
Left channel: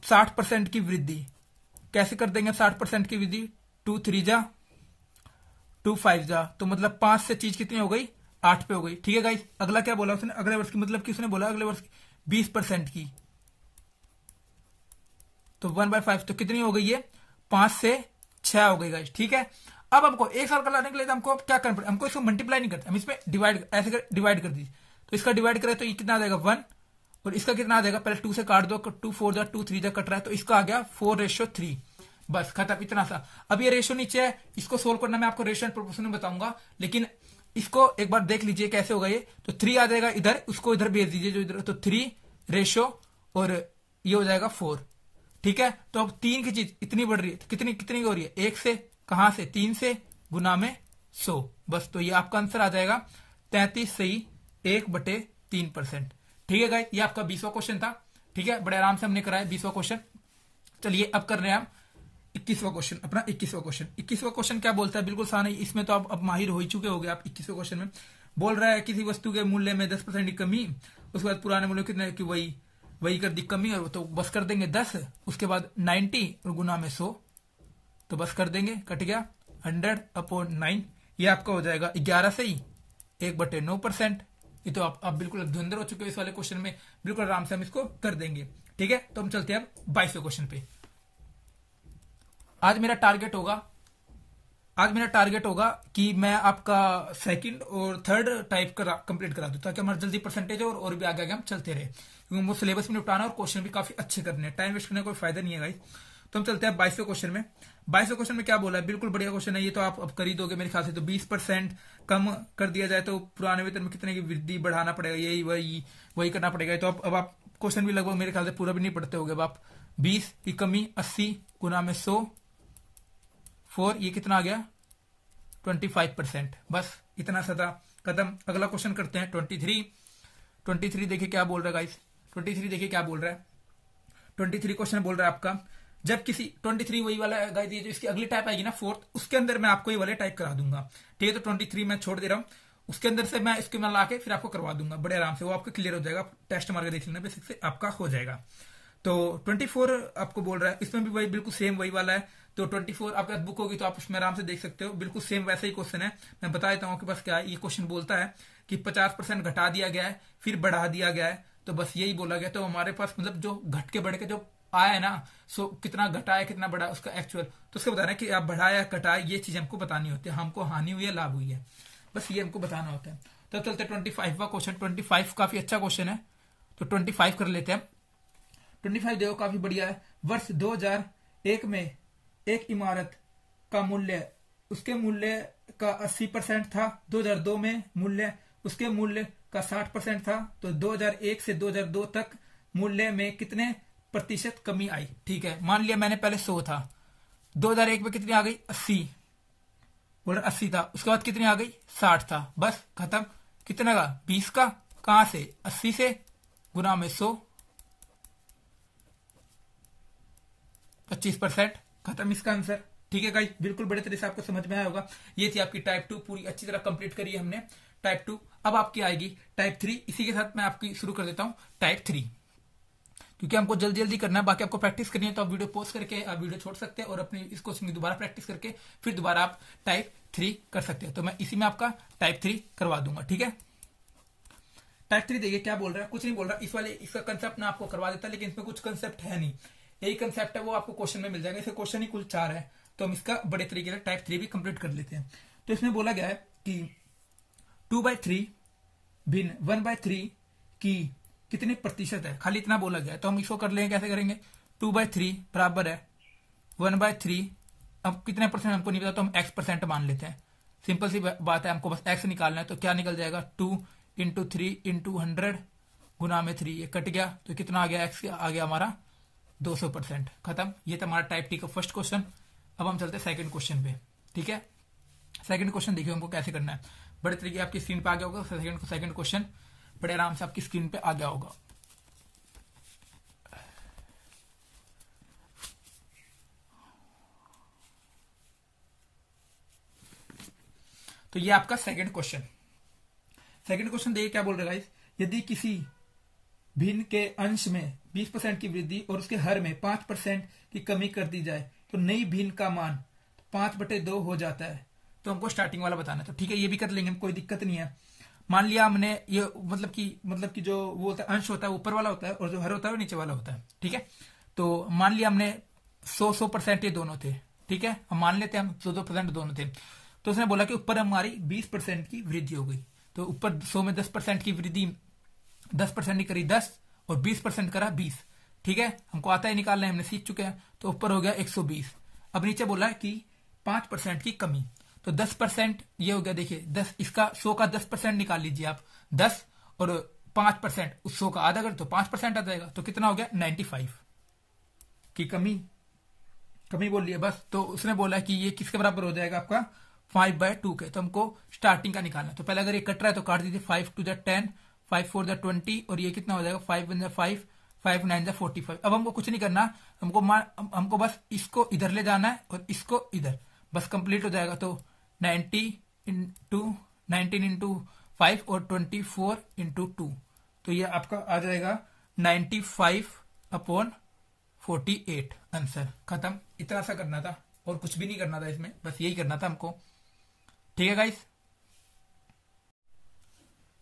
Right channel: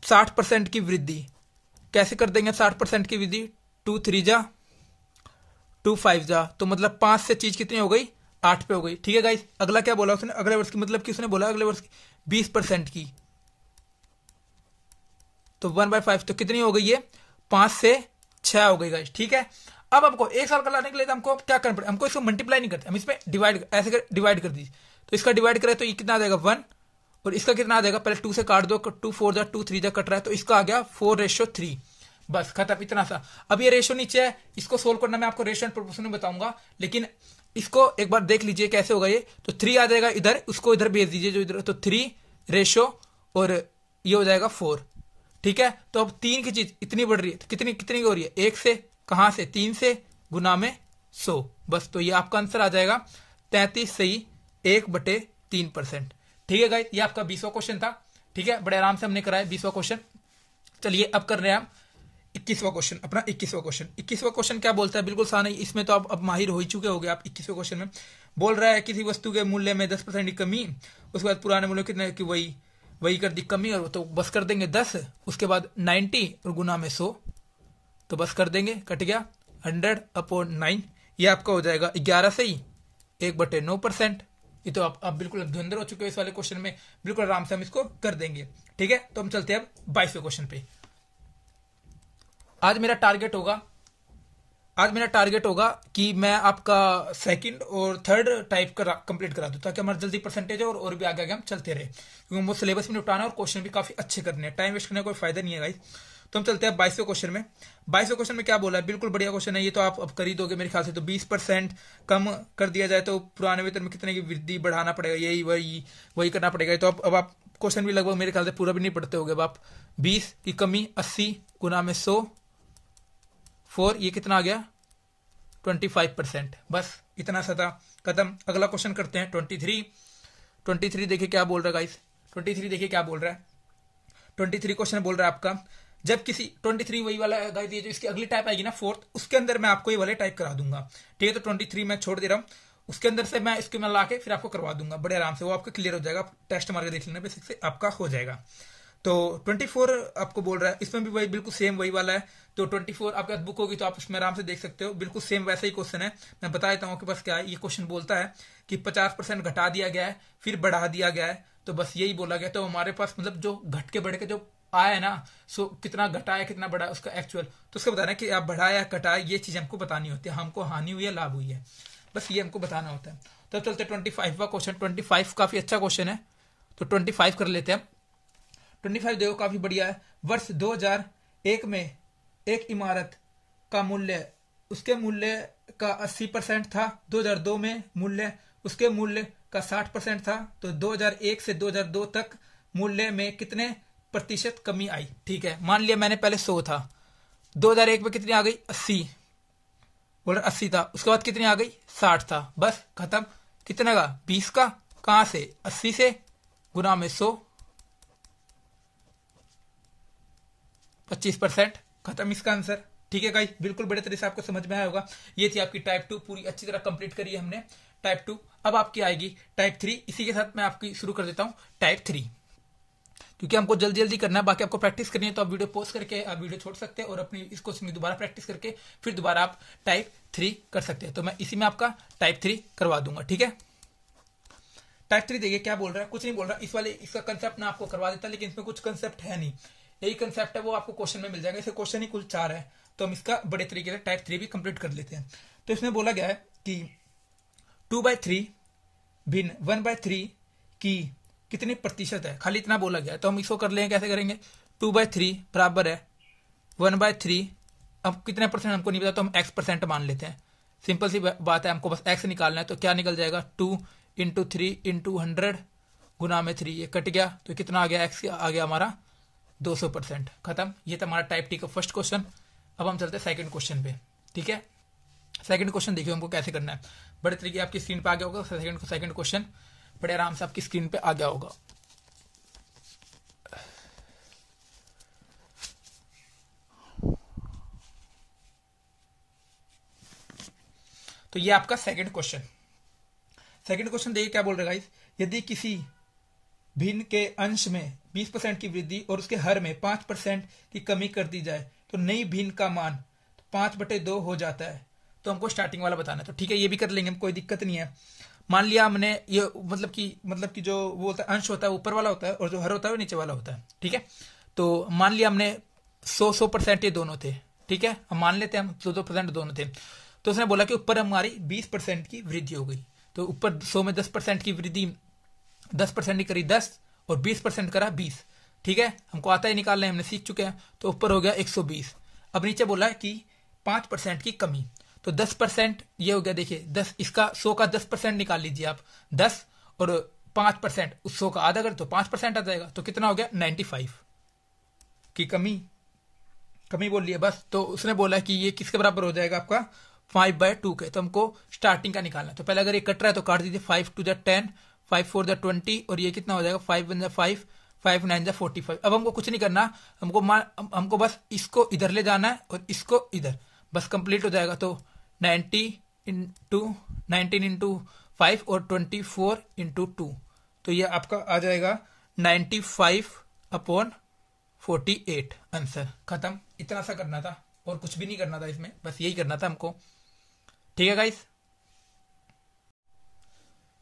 60% की वृद्धि कैसे कर देंगे। 60% की वृद्धि 2 3 जा 2 5 जा, तो मतलब 5 से चीज कितनी हो गई 8 पे हो गई। ठीक है गाइस, अगला क्या बोला उसने, अगले वर्ष की, मतलब कि उसने बोला अगले वर्ष 20% की, तो 1/5 तो कितनी हो गई है 5 से 6 हो गई गाइस। ठीक है, अब हमको एक साल का लाने के लिए हमको क्या करना पड़ेगा, हमको इसको मल्टीप्लाई नहीं करते, हम इसमें डिवाइड ऐसे डिवाइड कर दीजिए। तो इसका डिवाइड करें तो ये कितना आ जाएगा 1, और इसका कितना आ जाएगा, पहले 2 से काट दो, 2 4 जा 2 3 जा कट रहा है, तो इसका आ गया 4:3। बस खत्म, इतना सा। अब ये रेशो नीचे है, इसको सोल्व करना मैं आपको रेशो एंड प्रोपोर्शन में बताऊंगा, लेकिन इसको एक बार देख लीजिए कैसे होगा ये। तो 3 आ जाएगा इधर, उसको इधर भेज दीजिए जो इधर, तो 3 रेशो और ये हो जाएगा 4। ठीक है, तो अब 3 की चीज इतनी बढ़ रही है, तो कितनी कितनी हो रही है, 1 से, कहां से 3 से, गुना में 100। बस, तो ये आपका आंसर आ जाएगा 33 सही 1/3%। ठीक है गाइस, ये आपका 20वां क्वेश्चन था। ठीक है, बड़े आराम से हमने कराया 20वां क्वेश्चन। चलिए अब कर रहे हैं हम 21वां क्वेश्चन, अपना 21वां क्वेश्चन। 21वां क्वेश्चन क्या बोलता है, बिल्कुल आसान है, इसमें तो अब माहिर हो ही चुके होगे आप। 21वें क्वेश्चन में बोल रहा है किसी वस्तु के मूल्य में 10% की कमी, उसके बाद पुराने मूल्य कितने की वही कर दी कमी, और तो बस कर देंगे 10, उसके बाद 90 और गुना में 100, तो बस कर देंगे, कट गया 100/9, ये आपका हो जाएगा 11 सही 1/9%। ये तो आप बिल्कुल धुंधर हो चुके हो इस वाले क्वेश्चन में, बिल्कुल आराम से हम इसको कर देंगे। ठीक है, तो हम चलते हैं अब 22वें क्वेश्चन पे। आज मेरा टारगेट होगा कि मैं आपका सेकंड और थर्ड टाइप कंप्लीट करा दूं, ताकि हमारा जल्दी परसेंटेज और भी आगे हम चलते रहे, क्योंकि वो सिलेबस में निपटाना और क्वेश्चन भी काफी अच्छे करने हैं, टाइम वेस्ट करने का कोई फायदा नहीं है गाइस। तो हम चलते हैं 22वें क्वेश्चन में। 22वें क्वेश्चन में क्या बोला है, बिल्कुल बढ़िया क्वेश्चन है ये, तो आप अब कर ही दोगे मेरे ख्याल से। तो 20% कम कर दिया जाए तो पुराने वेतन में कितने की वृद्धि बढ़ाना पड़ेगा, यही वही करना पड़ेगा। तो अब आप क्वेश्चन भी लगभग मेरे ख्याल से पूरा भी नहीं पढ़ते होगे। अब आप 20 की कमी 80 गुना में 100 4, ये कितना आ गया 25%। बस इतना सा था, कदम। अगला क्वेश्चन करते हैं 23 देखिए क्या बोल रहा है गाइस। 23 देखिए क्या बोल रहा है। 23 क्वेश्चन बोल रहा है आपका, जब किसी 23 वही वाला गाइस, ये जो इसकी अगली टाइप आएगी ना 4th, उसके अंदर मैं आपको ये वाले टाइप करा दूंगा। ठीक है, तो 23 मैं छोड़ दे रहा हूँ, उसके अंदर से मैं इसको ला के फिर आपको करवा दूंगा बड़े आराम से, वो आपको क्लियर हो जाएगा, टेस्ट मार के देख लेना, बेसिक से आपका हो जाएगा। तो 24 आपको बोल रहा है, इसमें भी वही बिल्कुल सेम वही वाला है। तो 24 आपके पास बुक होगी तो आप इसमें आराम से देख सकते हो, बिल्कुल सेम वैसा ही क्वेश्चन है। मैं बता देता हूँ कि बस क्या है, ये क्वेश्चन बोलता है कि 50% घटा दिया गया है फिर बढ़ा दिया गया है, तो बस यही बोला गया। तो हमारे पास मतलब जो घट के बढ़ के जो आया है ना, सो कितना घटाया कितना बढ़ा उसका एक्चुअल, तो उसको बताना कि आप बढ़ाया घटाया, ये चीज हमको बतानी होती है, हमको हानि हुई है लाभ हुई है, बस ये हमको बताना होता है। तो चलते 25वां क्वेश्चन। 25 काफी अच्छा क्वेश्चन है, तो 25 कर लेते हैं। 25 देखो काफी बढ़िया है। वर्ष 2001 में एक इमारत का मूल्य उसके मूल्य का 80% था, 2002 में मूल्य उसके मूल्य का 60% था, तो 2001 से 2002 तक मूल्य में कितने प्रतिशत कमी आई। ठीक है, मान लिया मैंने पहले 100 था, 2001 में कितनी आ गई 80, बोल 80 था, उसके बाद कितनी आ गई 60 था, बस खत्म। कितने का 20 का, कहां से 80 से, गुना में 100, 25%, खत्म इसका आंसर। ठीक है गाइस, बिल्कुल बड़े तरह से आपको समझ में आया होगा। ये थी आपकी टाइप 2 पूरी अच्छी तरह कंप्लीट करी है हमने टाइप 2। अब आपकी आएगी टाइप 3। इसी के साथ मैं आपकी शुरू कर देता हूं टाइप 3, क्योंकि हमको जल्दी जल्दी करना है, बाकी आपको प्रैक्टिस करनी है तो आप वीडियो पॉज करके आप वीडियो छोड़ सकते हैं और अपनी इस क्वेश्चन की दोबारा प्रैक्टिस करके फिर दोबारा आप टाइप 3 कर सकते हैं। तो मैं इसी में आपका टाइप 3 करवा दूंगा। ठीक है, टाइप 3 देखिए क्या बोल रहा है, कुछ नहीं बोल रहा। इस वाले इसका कंसेप्ट मैं आपको करवा देता, लेकिन इसमें कुछ कंसेप्ट है नहीं, यही कंसेप्ट है वो आपको क्वेश्चन में मिल जाएगा। इसे क्वेश्चन ही कुल 4 है, तो हम इसका बड़े तरीके से टाइप 3 भी कंप्लीट कर लेते हैं। तो इसमें बोला गया है कि 2/3 भिन्न 1/3 की कितने प्रतिशत है, खाली इतना बोला गया है। तो हम इसको कर लेंगे, कैसे करेंगे, 2/3 बराबर है 1/3। अब कितने परसेंट हमको नहीं पता, तो हम x परसेंट मान लेते हैं। सिंपल सी बात है, हमको बस x निकालना है। तो क्या निकल जाएगा, 2 × 3 × 100 गुना में 3, ये कट गया, तो कितना आ गया, x आ गया हमारा 200%, खत्म। ये था हमारा टाइप टी का फर्स्ट क्वेश्चन। अब हम चलते हैं सेकंड क्वेश्चन पे। ठीक है, सेकंड क्वेश्चन देखिए हमको कैसे करना है, बड़े तरीके आपकी स्क्रीन पे आ गया होगा। सेकंड क्वेश्चन बड़े आराम से आपकी स्क्रीन पे आ गया होगा। तो ये आपका सेकंड क्वेश्चन। सेकंड क्वेश्चन देखिए क्या बोल रहा है गाइस, यदि किसी भिन्न के अंश में 20% की वृद्धि और उसके हर में 5% की कमी कर दी जाए तो नई भिन्न का मान 5/2 हो जाता है। तो हमको स्टार्टिंग वाला बताना है। तो ठीक है, ये भी कर लेंगे, कोई दिक्कत नहीं है। मान लिया हमने ये मतलब कि जो वो होता है अंश होता है ऊपर वाला होता है और जो हर होता है वो नीचे वाला होता है। ठीक है, तो मान लिया हमने 100% ये दोनों थे। ठीक है, हम मान लेते हैं हम 2% दोनों थे। तो उसने बोला कि ऊपर हमारी 20% की वृद्धि हो गई। तो ऊपर 100 में 10% की वृद्धि, 10% ही करी 10 और 20% करा 20। ठीक है, हमको आता है निकालना है, हमने सीख चुके हैं। तो ऊपर हो गया 120। अब नीचे बोला है कि 5% की कमी, तो 10% ये हो गया। देखिए 10, इसका 100 का 10% निकाल लीजिए आप, 10 और 5% उस 100 का आधा कर तो 5% आ जाएगा। तो कितना हो गया, 95 की कमी बोल लिया बस। तो उसने बोला कि ये किसके बराबर हो जाएगा आपका 5/2 के। तो हमको स्टार्टिंग का निकालना है। तो पहले अगर ये कट रहा है तो काट दीजिए, 5 2 10, 5 4 20 और ये कितना हो जाएगा, 5 1 5, 5 9 45। अब हमको कुछ नहीं करना, हमको बस इसको इधर ले जाना है और इसको इधर, बस कंप्लीट हो जाएगा। तो 19 × 5 और 24 × 2, तो ये आपका आ जाएगा 95/48 आंसर, खत्म। इतना सा करना था और कुछ भी नहीं करना था इसमें, बस यही करना था हमको। ठीक है गाइस,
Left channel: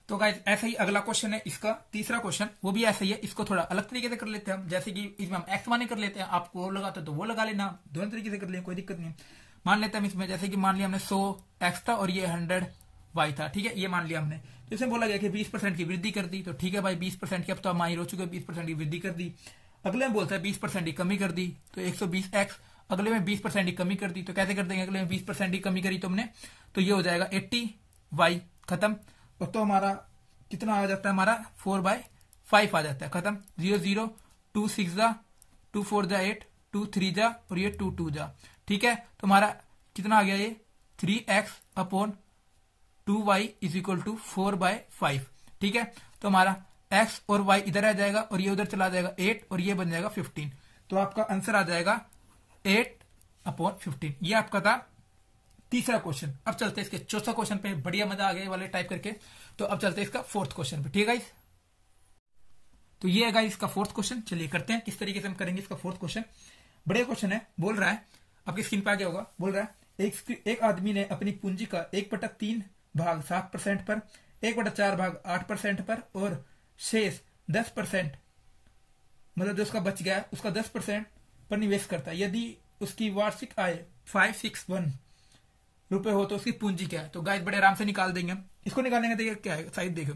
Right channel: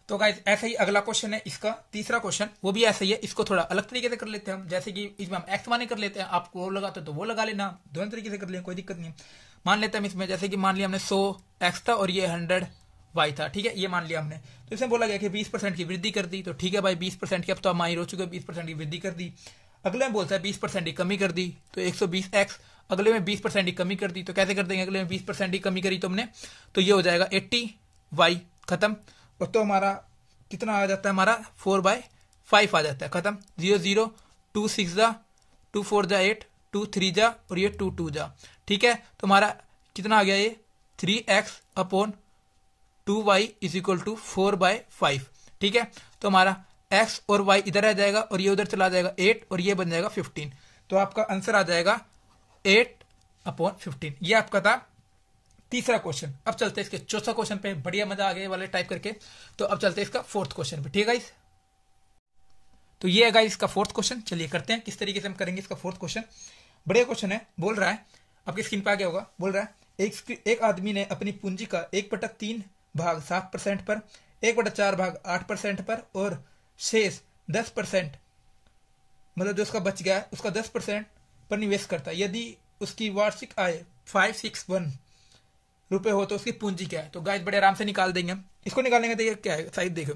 तो गाइस ऐसे ही अगला क्वेश्चन है इसका तीसरा क्वेश्चन, वो भी ऐसे ही है। इसको थोड़ा अलग तरीके से कर लेते हैं हम, जैसे कि इसमें हम एक्स माने कर लेते हैं, आपको वो लगाते तो वो लगा लेना, दोनों तरीके से कर लें, कोई दिक्कत नहीं है। मान लेते हैं हम इसमें, जैसे कि मान लिया हमने 100x था और ये 100y था। ठीक है, ये मान लिया हमने। तो इसमें बोला गया कि 20% की वृद्धि कर दी। तो ठीक है भाई, 20% की अब तो हम माहिर हो चुके, 20% की वृद्धि कर दी। अगले में बोलता है 20% की कमी कर दी, तो 120x। अगले में 20% की कमी कर दी, तो कैसे कर देंगे, अगले में 20% की कमी करी तुमने, तो ये हो जाएगा 80y, खत्म। और तो हमारा कितना आ जाता है, हमारा 4/5 आ जाता है, खत्म। 0 0 2 6 जा, 2 4 जा 8, 2 3 जा और ये 2 2 जा। ठीक है, तो हमारा कितना आ गया, ये 3x/2y = 4/5। ठीक है, तो हमारा x और y इधर आ जाएगा और ये उधर चला जाएगा 8 और ये बन जाएगा 15। तो आपका आंसर आ जाएगा 8/15। ये आपका था तीसरा क्वेश्चन। अब चलते हैं इसके चौथा क्वेश्चन पे, बढ़िया मजा आ गया वाले टाइप करके। तो अब चलते हैं इसका फोर्थ क्वेश्चन पे। ठीक है गाइस, तो ये है गाइस इसका फोर्थ क्वेश्चन। चलिए करते हैं किस तरीके से हम करेंगे इसका फोर्थ क्वेश्चन। बढ़िया क्वेश्चन है, बोल रहा है, आपकी स्क्रीन पे आ गया होगा। बोल रहा है एक आदमी ने अपनी पूंजी का 1/3 भाग 7% पर, 1/4 भाग 8% पर और शेष 10%, मतलब जो उसका बच गया है उसका 10% पर निवेश करता है। यदि उसकी वार्षिक आय 561 रुपए हो तो उसकी पूंजी क्या है। तो गाइस बड़े आराम से निकाल देंगे हम इसको। निकालेंगे तो ये क्या है, साइड देखो,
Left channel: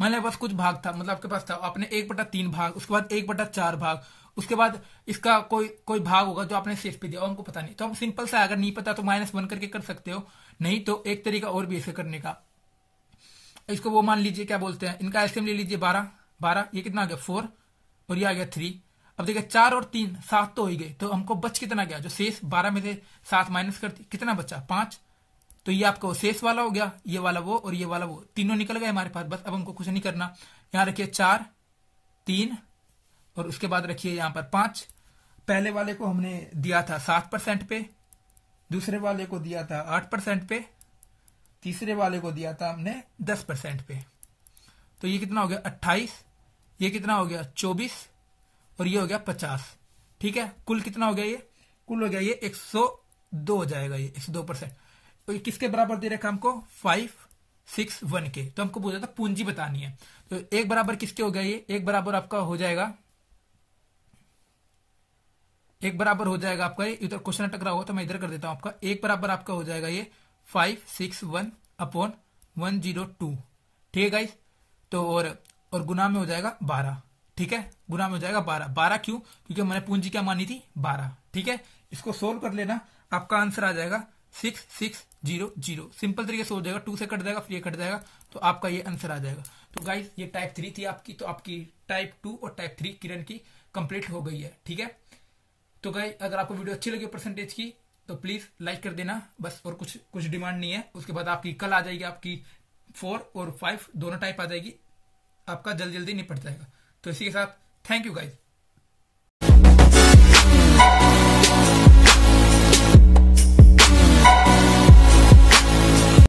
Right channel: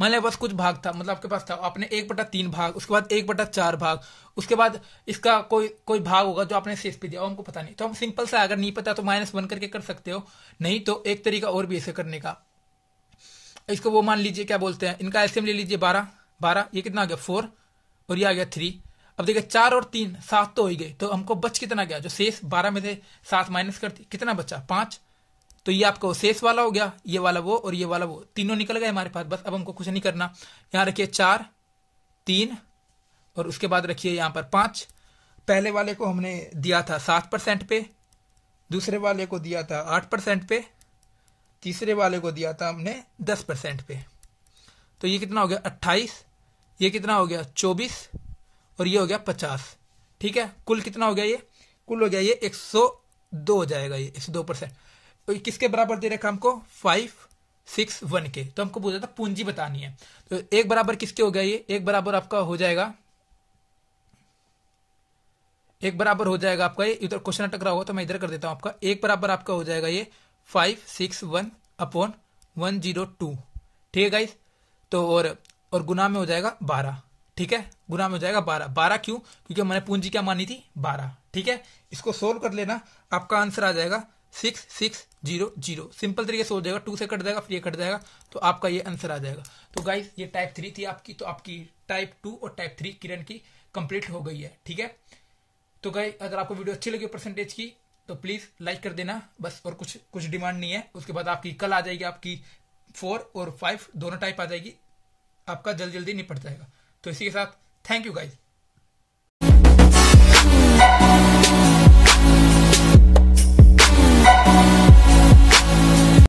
मान लिया बस कुछ भाग था, मतलब आपके पास था, आपने 1/3 भाग, उसके बाद 1/4 भाग, उसके बाद इसका कोई भाग होगा जो आपने शेष पे दिया, हमको पता नहीं। तो हम सिंपल से, अगर नहीं पता तो -1 करके कर सकते हो, नहीं तो एक तरीका और भी ऐसे करने का। इसको वो मान लीजिए क्या बोलते हैं, इनका एलसीएम ले लीजिए 12, ये कितना आ गया 4 और ये आ गया 3। अब देखिए 4 और 3 7 तो हो ही गए, तो हमको बच कितना गया, जो शेष 12 में से 7 माइनस करते कितना बचा 5, तो ये आपका शेष वाला हो गया, ये वाला वो और ये वाला वो, तीनों निकल गए हमारे पास। बस अब हमको कुछ नहीं करना, यहाँ रखिए 4 3 और उसके बाद रखिए यहाँ पर 5। पहले वाले को हमने दिया था 7% पे, दूसरे वाले को दिया था 8% पे, तीसरे वाले को दिया था हमने 10% पे। तो ये कितना हो गया 28, ये कितना हो गया 24 और ये हो गया 50। ठीक है, कुल कितना हो गया ये, कुल हो गया ये 102 हो जाएगा, ये 102%। तो किसके बराबर दे रखा हमको 561 के। तो हमको पूछा था पूंजी बतानी है, तो एक बराबर किसके हो गया ये, एक बराबर आपका हो जाएगा, एक बराबर हो जाएगा आपका ये, इधर क्वेश्चन अटक रहा होगा तो मैं इधर कर देता हूं आपका, एक बराबर आपका हो जाएगा ये 561/102। ठीक है गाइस, तो और गुना में हो जाएगा 12। ठीक है, गुना में हो जाएगा 12 क्यों, क्योंकि मैंने पूंजी क्या मानी थी 12। ठीक है, इसको सोल्व कर लेना, आपका आंसर आ जाएगा 6600। सिंपल तरीके से हो जाएगा, 2 से कट जाएगा फिर ये कट जाएगा, तो आपका ये आंसर आ जाएगा। तो गाइस ये टाइप 3 थी आपकी, तो आपकी टाइप 2 और टाइप 3 किरण की कंप्लीट हो गई है। ठीक है, तो गाइस अगर आपको वीडियो अच्छी लगी परसेंटेज की तो प्लीज लाइक कर देना बस, और कुछ डिमांड नहीं है। उसके बाद आपकी कल आ जाएगी आपकी 4 और 5 दोनों टाइप आ जाएगी, आपका जल्दी निपट जाएगा। तो इसी के साथ थैंक यू गाइस।